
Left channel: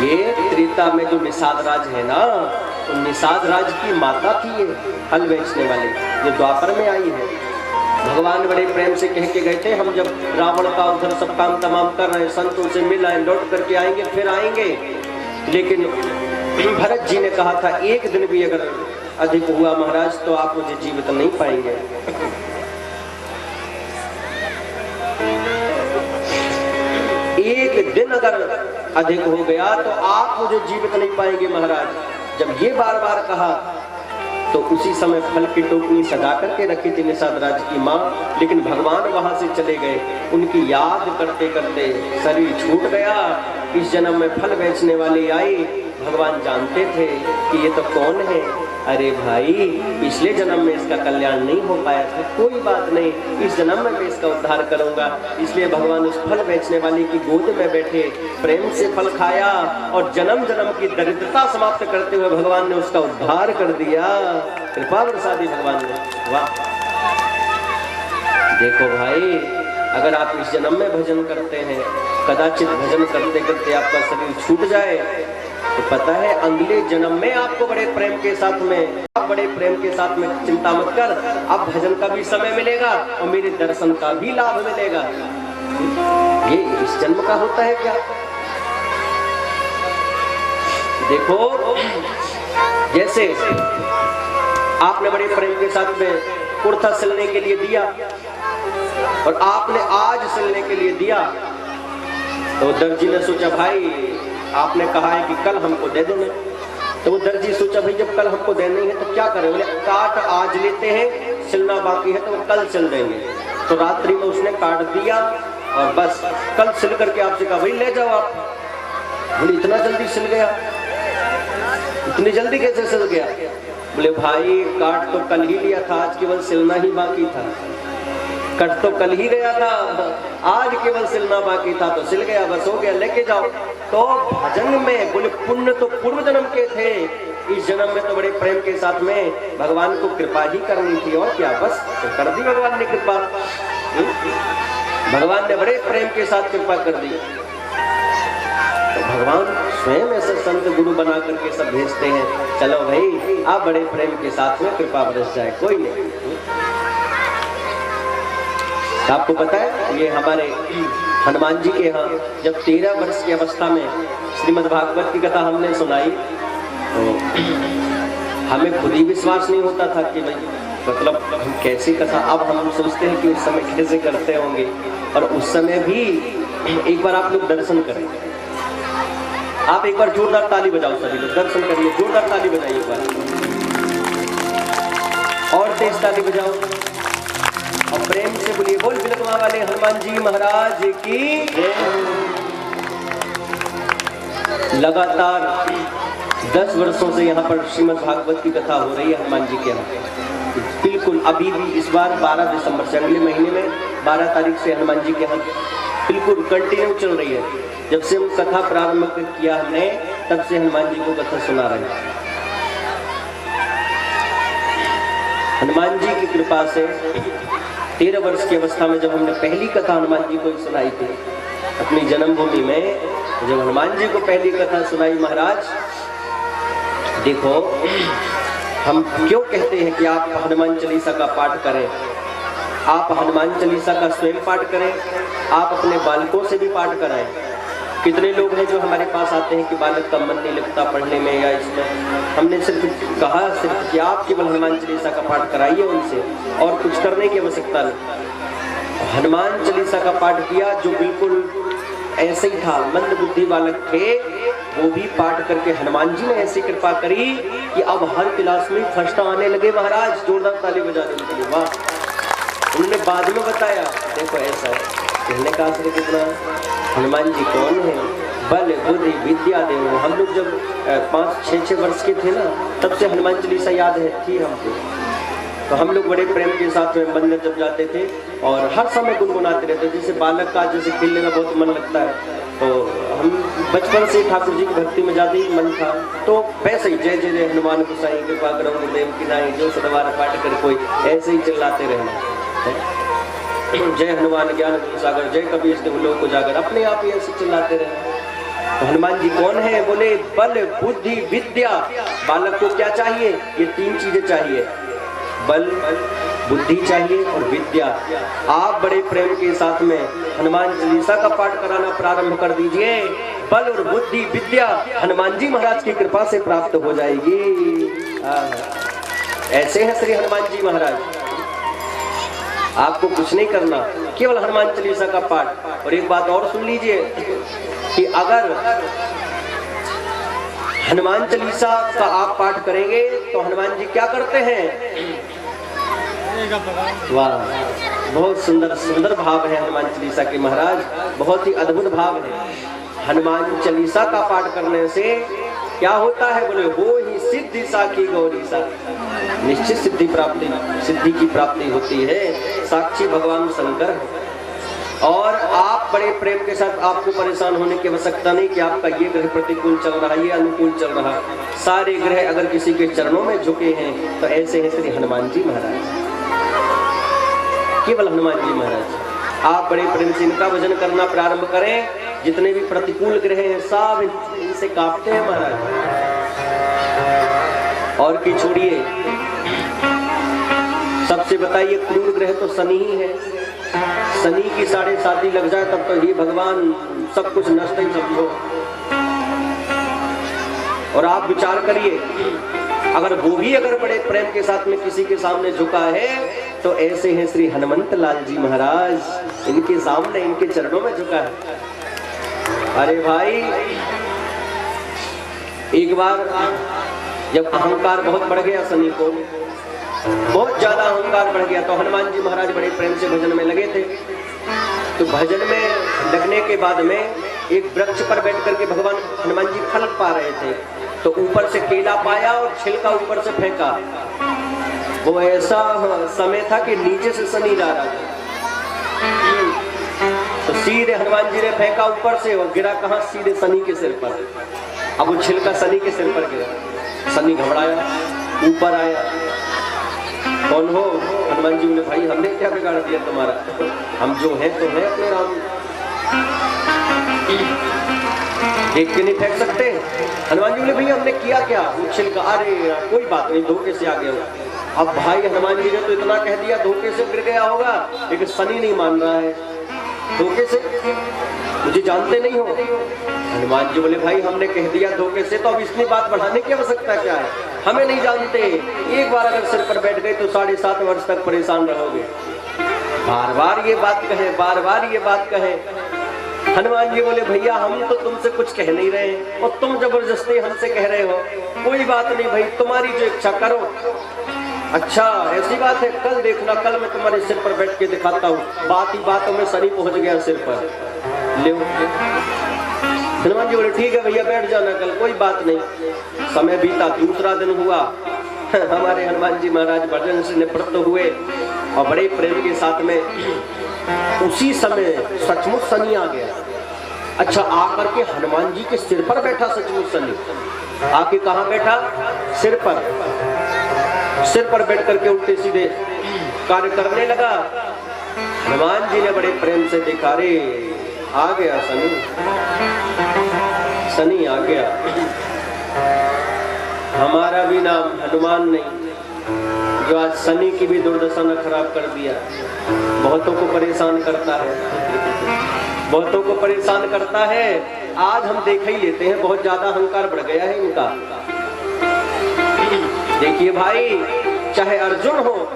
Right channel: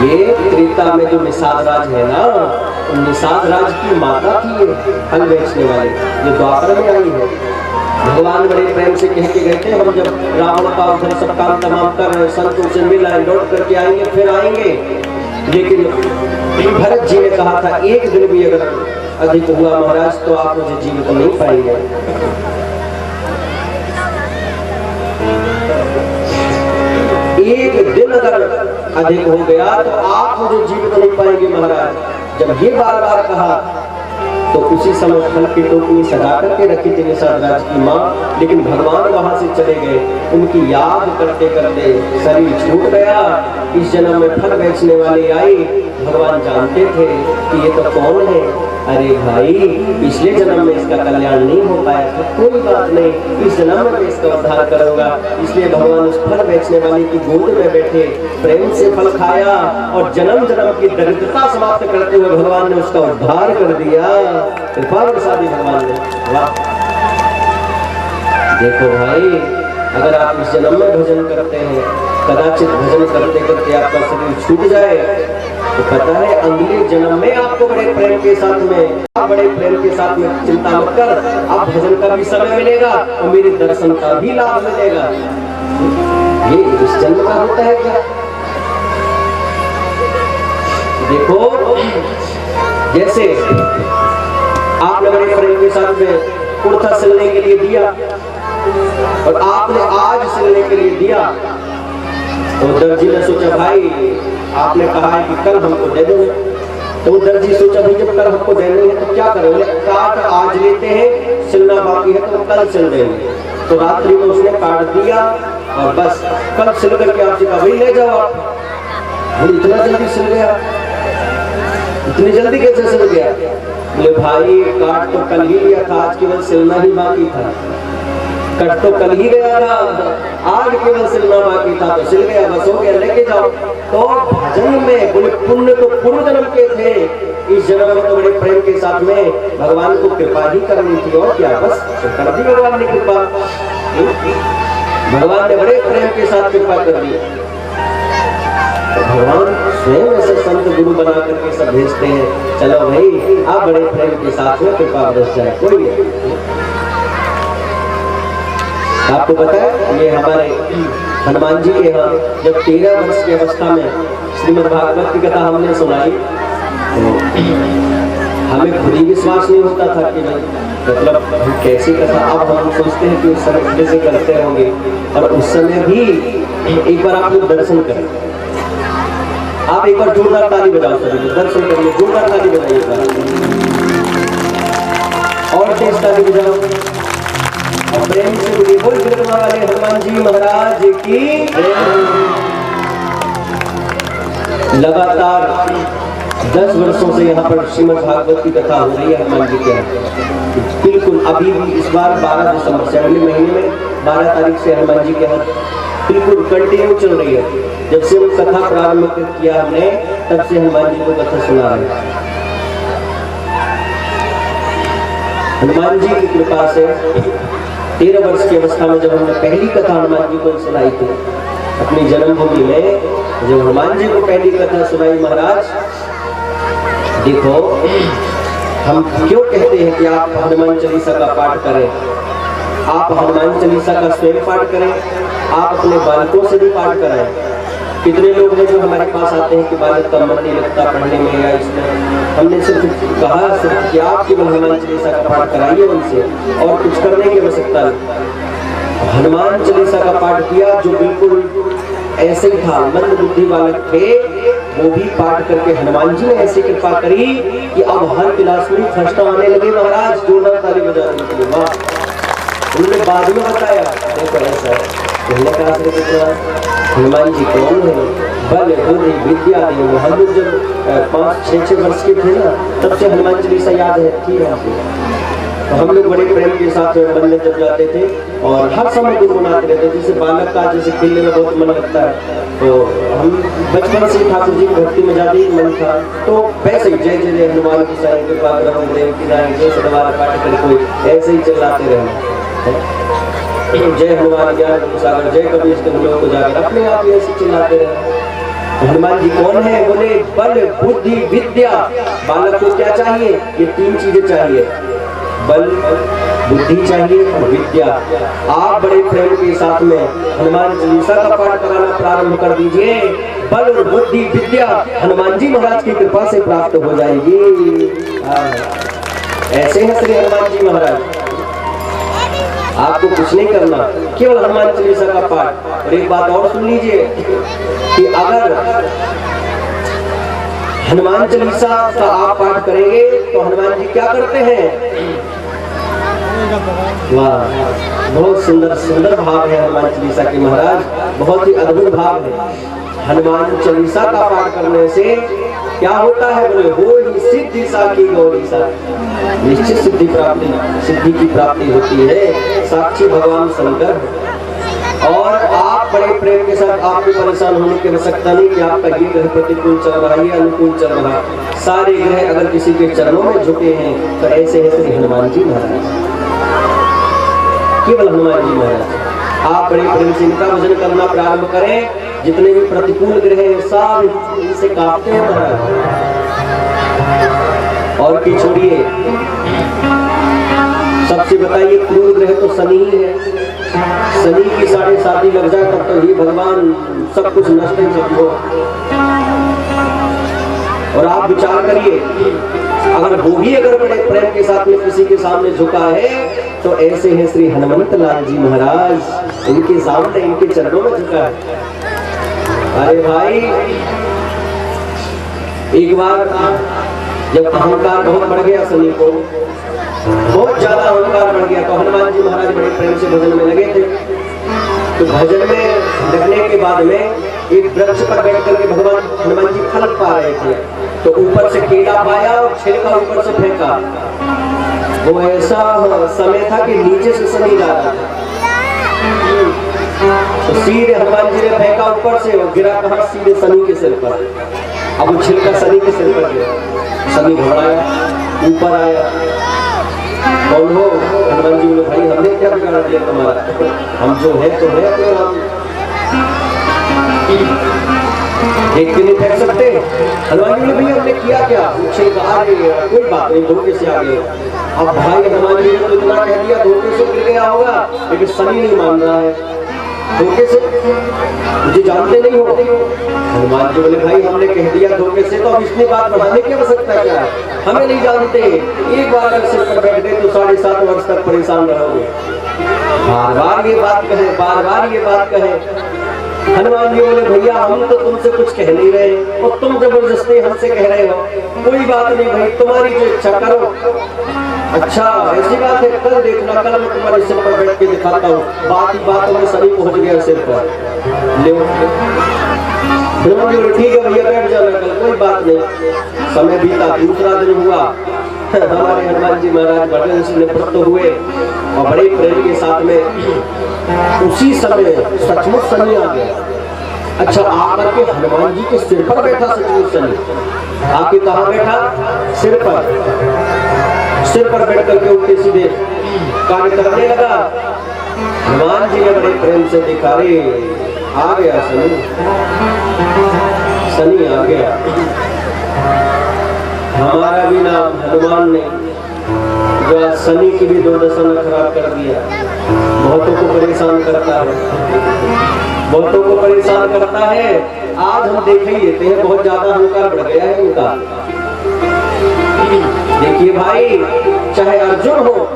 ये त्रेता में जो निषाद राज है ना, तो निषाद राज की माता थी ये फल बेचने वाली, ये द्वापर में आई है। भगवान बड़े प्रेम से कह के गए थे, हम जब रावण का उधर सब काम तमाम कर रहे संतों से मिल आए, लौट करके आएंगे, फिर आएंगे। लेकिन भरत जी ने कहा था एक दिन भी अगर अधिक हुआ महाराज तो आप मुझे जीवित नहीं पाएंगे। एक दिन अगर अधिक हो गया तो आप मुझे जीवित नहीं पाएंगे महाराज। जब ये बार बार कहा तो उसी समय फल की टोकरी सजा करके रखी थी निषाद राज की माँ, लेकिन भगवान वहां से चले गए। उनकी याद करते करते शरीर छूट गया। इस जन्म में फल बेचने वाली आई। भगवान जानते थे कि ये तो कौन है। अरे भाई, पिछले जन्म में इसका कल्याण नहीं हो पाया था, कोई बात नहीं, इस जन्म में मैं इसका उद्धार करूंगा। इसलिए भगवान उस फल बेचने वाली की गोद में बैठे, प्रेम से फल खाया और जन्म जन्म की दरिद्रता समाप्त करते हुए भगवान ने उसका उद्धार कर दिया। कृपा बरसाती भगवान ने। वाह! देखो भाई, अगर आप इस जन्म में भजन करते हैं, कदाचित भजन करते करते आपका शरीर छूट जाए तो पता है अगले जन्म में आपको बड़े प्रेम के साथ में चिंता मत कर, अब भजन का भी समय मिलेगा और मेरे दर्शन का भी लाभ मिलेगा। ये इस जन्म का होता है क्या? देखो, जैसे आपने बड़े प्रेम के साथ में कुर्ता सिलने के लिए दिया और आपने आज सिलने के लिए दिया, तो दर्जी ने सोचा भाई आपने कहा है कि कल हमको दे देंगे। तो वो दर्जी सोचा भाई जब कल हमको देनी है तो क्या करें, बोले काट आज लेते हैं, सिलना बाकी है तो कल सिल देंगे। तो रात्रि में उसने काट दिया और बस कल सिल करके आपसे कहा भाई ले जाओ आप। बोले इतना जल्दी सिल गया, इतनी जल्दी कैसे सिल गया? बोले भाई काट तो कल ही लिया था, आज केवल सिलना ही बाकी था। कट तो कल ही गया था, आज केवल सिलना बाकी था तो सिल गया, बस हो गया, लेके जाओ। तो भजन में बोले पुण्य तो पूर्व जन्म के थे, इस जन्म में तो बड़े प्रेम के साथ में भगवान को कृपा ही करनी थी और क्या, बस कर दी भगवान ने कृपा। भगवान ने बड़े प्रेम के साथ कृपा कर दी। तो भगवान स्वयं ऐसे संत गुरु बना करके सब भेजते हैं, चलो भाई आप बड़े प्रेम के साथ में कृपा बरस जाए, कोई नहीं। आपको पता है ये हमारे हनुमान जी के यहाँ जब 13 वर्ष की अवस्था में श्रीमद् भागवत की कथा हमने सुनाई तो हमें खुद ही विश्वास नहीं होता था कि भाई मतलब कैसी कथा। अब हम सोचते हैं कि उस समय कैसे करते होंगे, और उस समय भी एक बार आप लोग दर्शन करें, आप एक बार जोरदार ताली बजाओ, सभी लोग दर्शन करिए, जोरदार ताली बजाइए एक बार और तेज ताली बजाओ और प्रेम से बोलिए बोल बिलखना वाले हनुमान जी महाराज की। लगातार 10 वर्षों से यहाँ पर श्रीमद् भागवत की कथा हो रही है हनुमान जी के यहाँ। बिल्कुल अभी भी इस बार 12 दिसंबर से अगले महीने में 12 तारीख से हनुमान जी के यहाँ बिल्कुल कंटिन्यू चल रही है। जब से वो कथा प्रारंभ किया हमने तब से हनुमान जी को कथा सुना रहे हैं। हनुमान जी की कृपा से 13 वर्ष की अवस्था में जब हमने पहली कथा हनुमान जी को सुनाई थी अपनी जन्मभूमि में, जब हनुमान जी को पहली कथा सुनाई महाराज, देखो हम क्यों कहते हैं कि आप हनुमान चालीसा का पाठ करें, आप हनुमान चालीसा का स्वयं पाठ करें, आप अपने बालकों से भी पाठ कराएं। कितने लोग हैं जो हमारे पास आते हैं कि बालक का मन नहीं लगता पढ़ने में या इसमें, हमने सिर्फ कहा सिर्फ कि आप केवल हनुमान चालीसा का पाठ कराइए उनसे, और कुछ करने की आवश्यकता नहीं। हनुमान चालीसा का पाठ किया जो बिल्कुल ऐसे ही था, मंद बुद्धि बालक थे, वो भी पाठ करके हनुमान जी ने ऐसी कृपा करी कि अब हर क्लास में फर्स्ट आने लगे महाराज। जोरदार ताली बजाने के लिए वाह। उन्होंने बाद में बताया देखो ऐसा है, हमने कहा कितना हनुमान जी कौन है, बल बुद्धि विद्या दे। हम लोग जब 5-6 वर्ष के थे ना तब से हनुमान चालीसा याद है थी हमको, तो हम लोग बड़े प्रेम के साथ में मंदिर जब जाते थे और हर समय गुनगुनाते रहते। जैसे बालक का जैसे खेलने में बहुत मन लगता है, तो हम बचपन से ठाकुर जी की भक्ति में ज्यादा ही मन था, तो वैसे ही जय जय हनुमान की साईं कृपा करो देव की नाई जो सदवारा पाठ कर कोई ऐसे ही चिल्लाते रहे। जय हनुमान ज्ञान गुण सागर, जय कबीर तुम लोग को जाकर, अपने आप ही ऐसे चिल्लाते रहे। तो हनुमान जी कौन है? बोले बल बुद्धि विद्या। बालक को क्या चाहिए? ये 3 चीजें चाहिए, बल बुद्धि चाहिए और विद्या। आप बड़े प्रेम के साथ में हनुमान चालीसा का पाठ कराना प्रारंभ कर दीजिए। बल और बुद्धि विद्या हनुमान जी महाराज की कृपा से प्राप्त हो जाएगी। ऐसे हैं श्री हनुमान जी महाराज। आपको कुछ नहीं करना, केवल हनुमान चालीसा का पाठ। और एक बात और सुन लीजिए कि अगर हनुमान चालीसा का आप पाठ करेंगे तो हनुमान जी क्या करते हैं? वाह, बहुत सुंदर सुंदर भाव है हनुमान चालीसा के महाराज, बहुत ही अद्भुत भाव है। हनुमान चालीसा का पाठ करने से क्या होता है? बोले हो ही सिद्धि साखी गौरी सा, निश्चित सिद्धि की प्राप्ति होती है। साक्षी भगवान शंकर। और आप बड़े प्रेम के साथ, आपको परेशान होने की आवश्यकता नहीं कि आपका ये ग्रह प्रतिकूल चल रहा है या अनुकूल चल रहा है। सारे ग्रह अगर किसी के चरणों में झुके हैं तो ऐसे हैं श्री हनुमान जी महाराज, केवल हनुमान जी महाराज। आप बड़े प्रेम से इनका भजन करना प्रारंभ करें। जितने भी प्रतिकूल ग्रह हैं सब इनसे कांपते हैं महाराज। और की छोड़िए, सबसे बताइए क्रूर ग्रह तो शनि ही है। शनि की 7.5 लग जाए तब तो ये भगवान सब कुछ नष्ट ही समझो। और आप विचार करिए, अगर वो भी अगर बड़े प्रेम के साथ में किसी के सामने झुका है तो ऐसे हैं श्री हनुमंत लाल जी महाराज, इनके सामने इनके चरणों में झुका है। अरे भाई, एक बार जब अहंकार बहुत बढ़ गया, शनि को बहुत ज्यादा अहंकार बढ़ गया, तो हनुमान जी महाराज बड़े प्रेम से भजन में लगे थे। तो भजन में लगने के बाद में एक वृक्ष पर बैठ करके भगवान हनुमान जी फल पा रहे थे। तो ऊपर से केला पाया और छिलका ऊपर से फेंका। वो ऐसा समय था कि नीचे से शनि जा रहा था, तो सीधे हनुमान जी ने फेंका ऊपर से, और गिरा कहाँ? सीधे शनि के सिर पर। अब वो छिलका शनि के सिर पर गिरा। शनि घबराया, ऊपर आया। कौन हो? हनुमान जी बोले भाई हमने क्या बिगाड़ दिया तुम्हारा? हम जो है तो है, अपने राम देख के नहीं फेंक सकते। हनुमान जी बोले भैया हमने किया क्या? छिलका, अरे कोई बात नहीं, धोखे से आ गए। अब भाई हनुमान जी ने तो इतना कह दिया, धोखे से गिर गया होगा, लेकिन शनि नहीं मान रहा है। धोखे से? मुझे जानते नहीं हो? हनुमान जी बोले भाई हमने कह दिया धोखे से, तो अब इसमें बात बढ़ाने की आवश्यकता क्या है? हमें नहीं जानते। एक बार अगर सिर पर बैठ गए तो 7.5 वर्ष तक परेशान रहोगे। बार बार ये बात कहे, बार बार ये बात कहे। हनुमान जी बोले भैया हम तो तुमसे कुछ कह नहीं रहे और तुम जबरदस्ती हमसे कह रहे हो। कोई बात नहीं भाई, तुम्हारी जो इच्छा करो। अच्छा ऐसी बात है, कल देखना, कल मैं तुम्हारे सिर पर बैठ के दिखाता हूँ। बात ही बात में शनि पहुंच गया सिर पर। ले हनुमान जी बोले ठीक है भैया बैठ जाना कल, कोई बात नहीं। समय बीता, दूसरा दिन हुआ। हमारे हनुमान जी महाराज भजन से निवृत्त हुए और बड़े प्रेम के साथ में उसी समय सचमुच शनि आ गया। अच्छा आकर के हनुमान जी के सिर पर बैठा सचमुच शनि। आके कहाँ बैठा? सिर पर। सिर पर बैठ करके उल्टे सीधे कार्य करने लगा। हनुमान जी ने बड़े प्रेम से देखा, रे आ गया शनि, शनि आ गया। हमारा भी नाम हनुमान ने, जो आज शनि की भी दुर्दशा न खराब कर दिया। बहुतों को परेशान करता है, बहुतों को परेशान करता है। आज हम देख ही लेते हैं, बहुत ज्यादा अहंकार बढ़ गया है इनका। देखिए भाई, चाहे अर्जुन हो,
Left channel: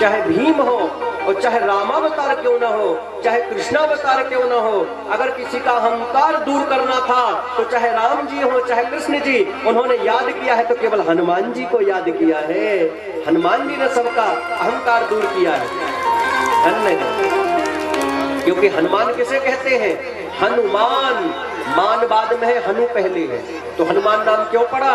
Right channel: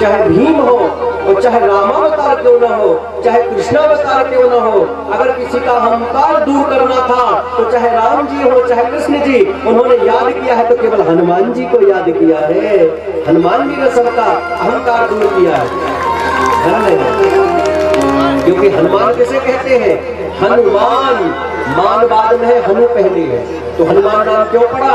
चाहे भीम हो, और चाहे रामावतार क्यों ना हो, चाहे कृष्णावतार क्यों ना हो, अगर किसी का अहंकार दूर करना था तो चाहे राम जी हो, चाहे कृष्ण जी, उन्होंने याद किया है तो केवल हनुमान जी को याद किया है। हनुमान जी ने सबका अहंकार दूर किया है। क्योंकि हनुमान किसे कहते हैं? हनुमान, मान बाद में है, हनु पहले है। तो हनुमान नाम क्यों पड़ा?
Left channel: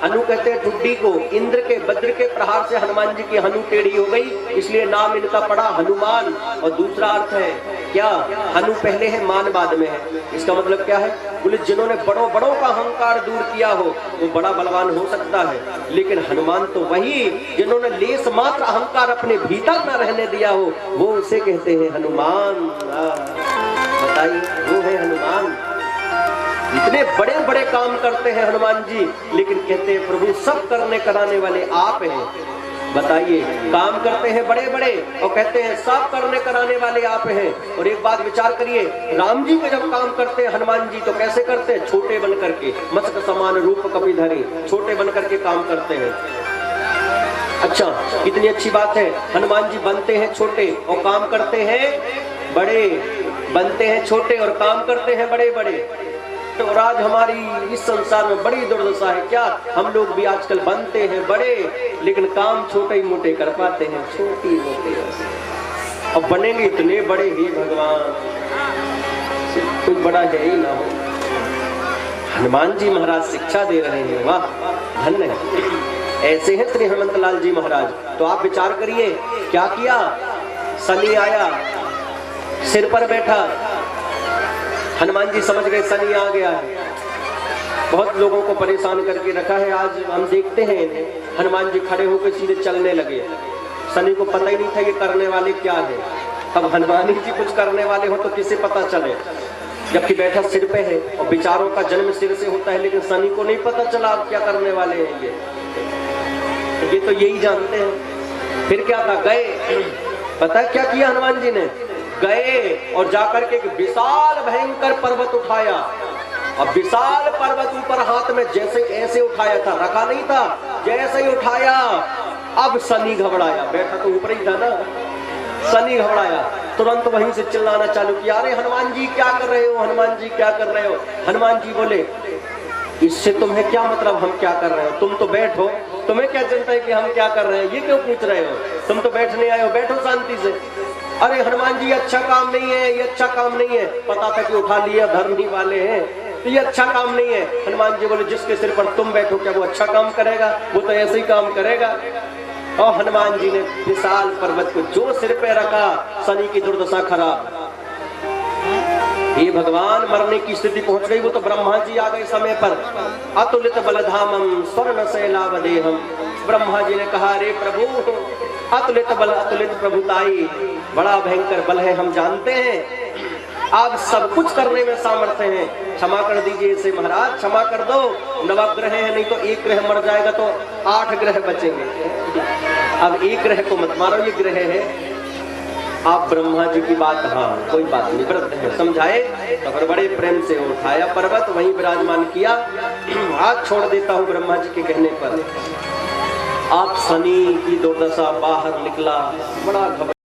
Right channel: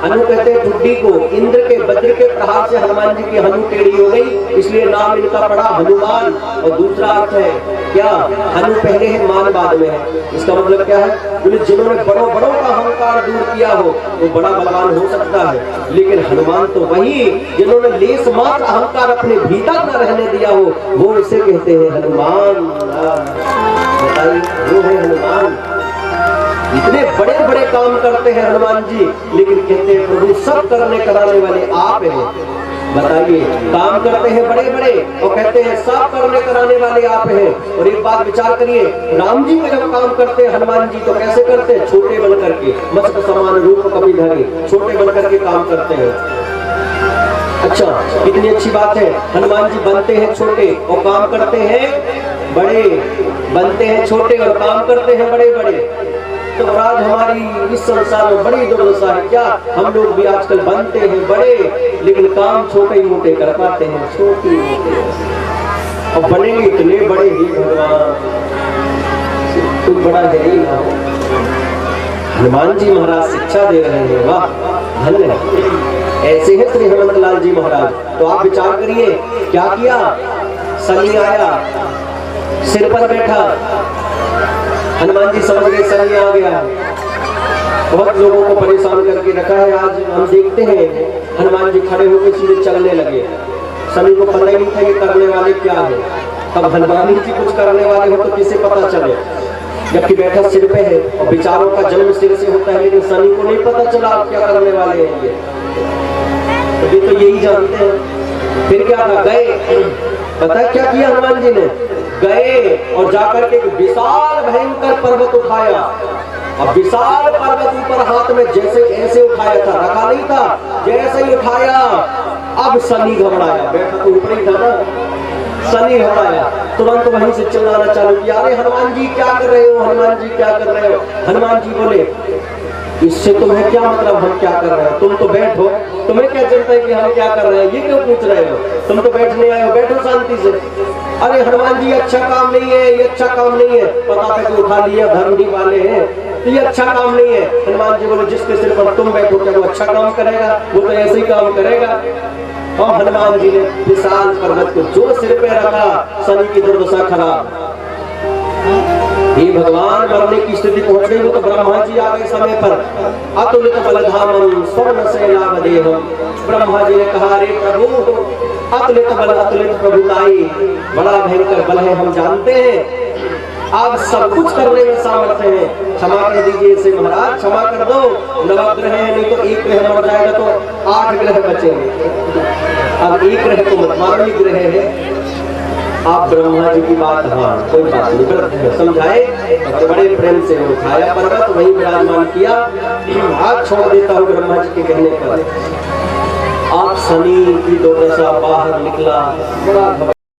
हनु कहते हैं ठुड्डी को। इंद्र के वज्र के प्रहार से हनुमान जी की हनु टेढ़ी हो गई, इसलिए नाम इनका पड़ा हनुमान। और दूसरा अर्थ है क्या, हनु पहले है मान बाद में है। इसका मतलब क्या है, बोले जिन्होंने बड़ों बड़ों का अहंकार दूर किया हो वो बड़ा बलवान हो सकता है, लेकिन हनुमान तो वही जिन्होंने लेस मात्र अहंकार अपने भीतर न रहने दिया हो, वो उसे कहते हैं हनुमान। बताइए, वो है हनुमान। इतने बड़े बड़े काम करते हैं हनुमान जी, लेकिन कहते हैं प्रभु सब करने कराने वाले आप हैं। बताइए, काम करते हैं बड़े बड़े और कहते हैं सब करने कराने वाले आप हैं। और एक बात विचार करिए, राम जी का जब काम करते हैं हनुमान जी तो कैसे करते हैं, छोटे बन करके, मस्त समान रूप कपिधरे, छोटे बन करके काम करते हैं। अच्छा, कितनी अच्छी बात है, हनुमान जी बनते हैं छोटे और काम करते हैं बड़े, बनते हैं छोटे और काम करते हैं बड़े बड़े। तो आज हमारी इस संसार में बड़ी दुर्दशा है क्या, हम लोग भी आजकल बनते हैं बड़े लेकिन काम छोटे मोटे कर पाते हैं, छोटे मोटे, और बनेंगे इतने बड़े ही भगवान कुछ बड़ा है ही ना हो। हनुमान जी महाराज शिक्षा दे रहे हैं, वाह धन्य है। ऐसे हैं श्री हनुमत लाल जी महाराज। तो आप विचार करिए क्या किया, शनि आया, सिर पर बैठा, हनुमान जी समझ गए शनि आ गया है, बहुत लोगों को परेशान करके रखा है। आज हम देखते हैं हनुमान जी खड़े होकर सीधे चलने लगे, शनि को पता ही नहीं था ये करने वाले क्या है। अब हनुमान जी कुछ करने वाले हो तो किसे पता चले, जबकि बैठा सिर पे है और विचारों का जन्म सिर से होता है, लेकिन शनि को नहीं पता चला आप क्या करने वाले हैं। ये तो यही जानते हैं। फिर क्या था, गए, पता क्या किया हनुमान जी ने, गए और जाकर के एक विशाल भयंकर पर्वत उठाया, और विशाल पर्वत ऊपर हाथ में जैसे ऐसे उठाया था, रखा नहीं था, जैसे ही उठाया अब शनि घबराया, बैठा तो ऊपर ही था ना, शनि घबराया, तुरंत वहीं से चिल्लाना चालू किया, अरे हनुमान जी क्या कर रहे हो, हनुमान जी क्या कर रहे हो। हनुमान जी बोले इससे तुम्हें क्या मतलब, हम क्या कर रहे हो, तुम तो बैठो, तुम्हें क्या चिंता है कि हम क्या कर रहे हैं, ये क्यों पूछ रहे हो, तुम तो बैठने आए हो, बैठो शांति से। अरे हनुमान जी अच्छा काम नहीं है, ये अच्छा काम नहीं है, पता था कि उठा लिया धर्मी वाले हैं, तो ये अच्छा काम नहीं है। हनुमान जी बोले जिसके सिर पर तुम बैठो क्या वो अच्छा काम करेगा, वो तो ऐसे ही काम करेगा। और हनुमान जी ने विशाल पर्वत को जो सिर पे रखा, शनि की दुर्दशा खराब। ये भगवान मरने की स्थिति पहुंच गई, वो तो ब्रह्मा जी आ गए समय पर, अतुलित बलधामम स्वर्ण सेनावदेहम। ब्रह्मा जी ने कहा अरे प्रभु अतुलित बल अतुलित प्रभुताई, बड़ा भयंकर बल है हम जानते हैं, आप सब कुछ करने में सामर्थ्य है, क्षमा कर दीजिए इसे महाराज, क्षमा कर दो। नवग्रह है, नहीं तो एक ग्रह मर जाएगा तो 8 ग्रह बचेंगे, अब एक ग्रह को मत मारो, ये ग्रह है। आप ब्रह्मा जी की बात, हाँ कोई बात नहीं, समझाए तो बड़े प्रेम से उठाया पर्वत, वहीं विराजमान किया। आज छोड़ देता हूँ ब्रह्मा जी के कहने पर। आप शनि की दुर्दशा बाहर निकला, बड़ा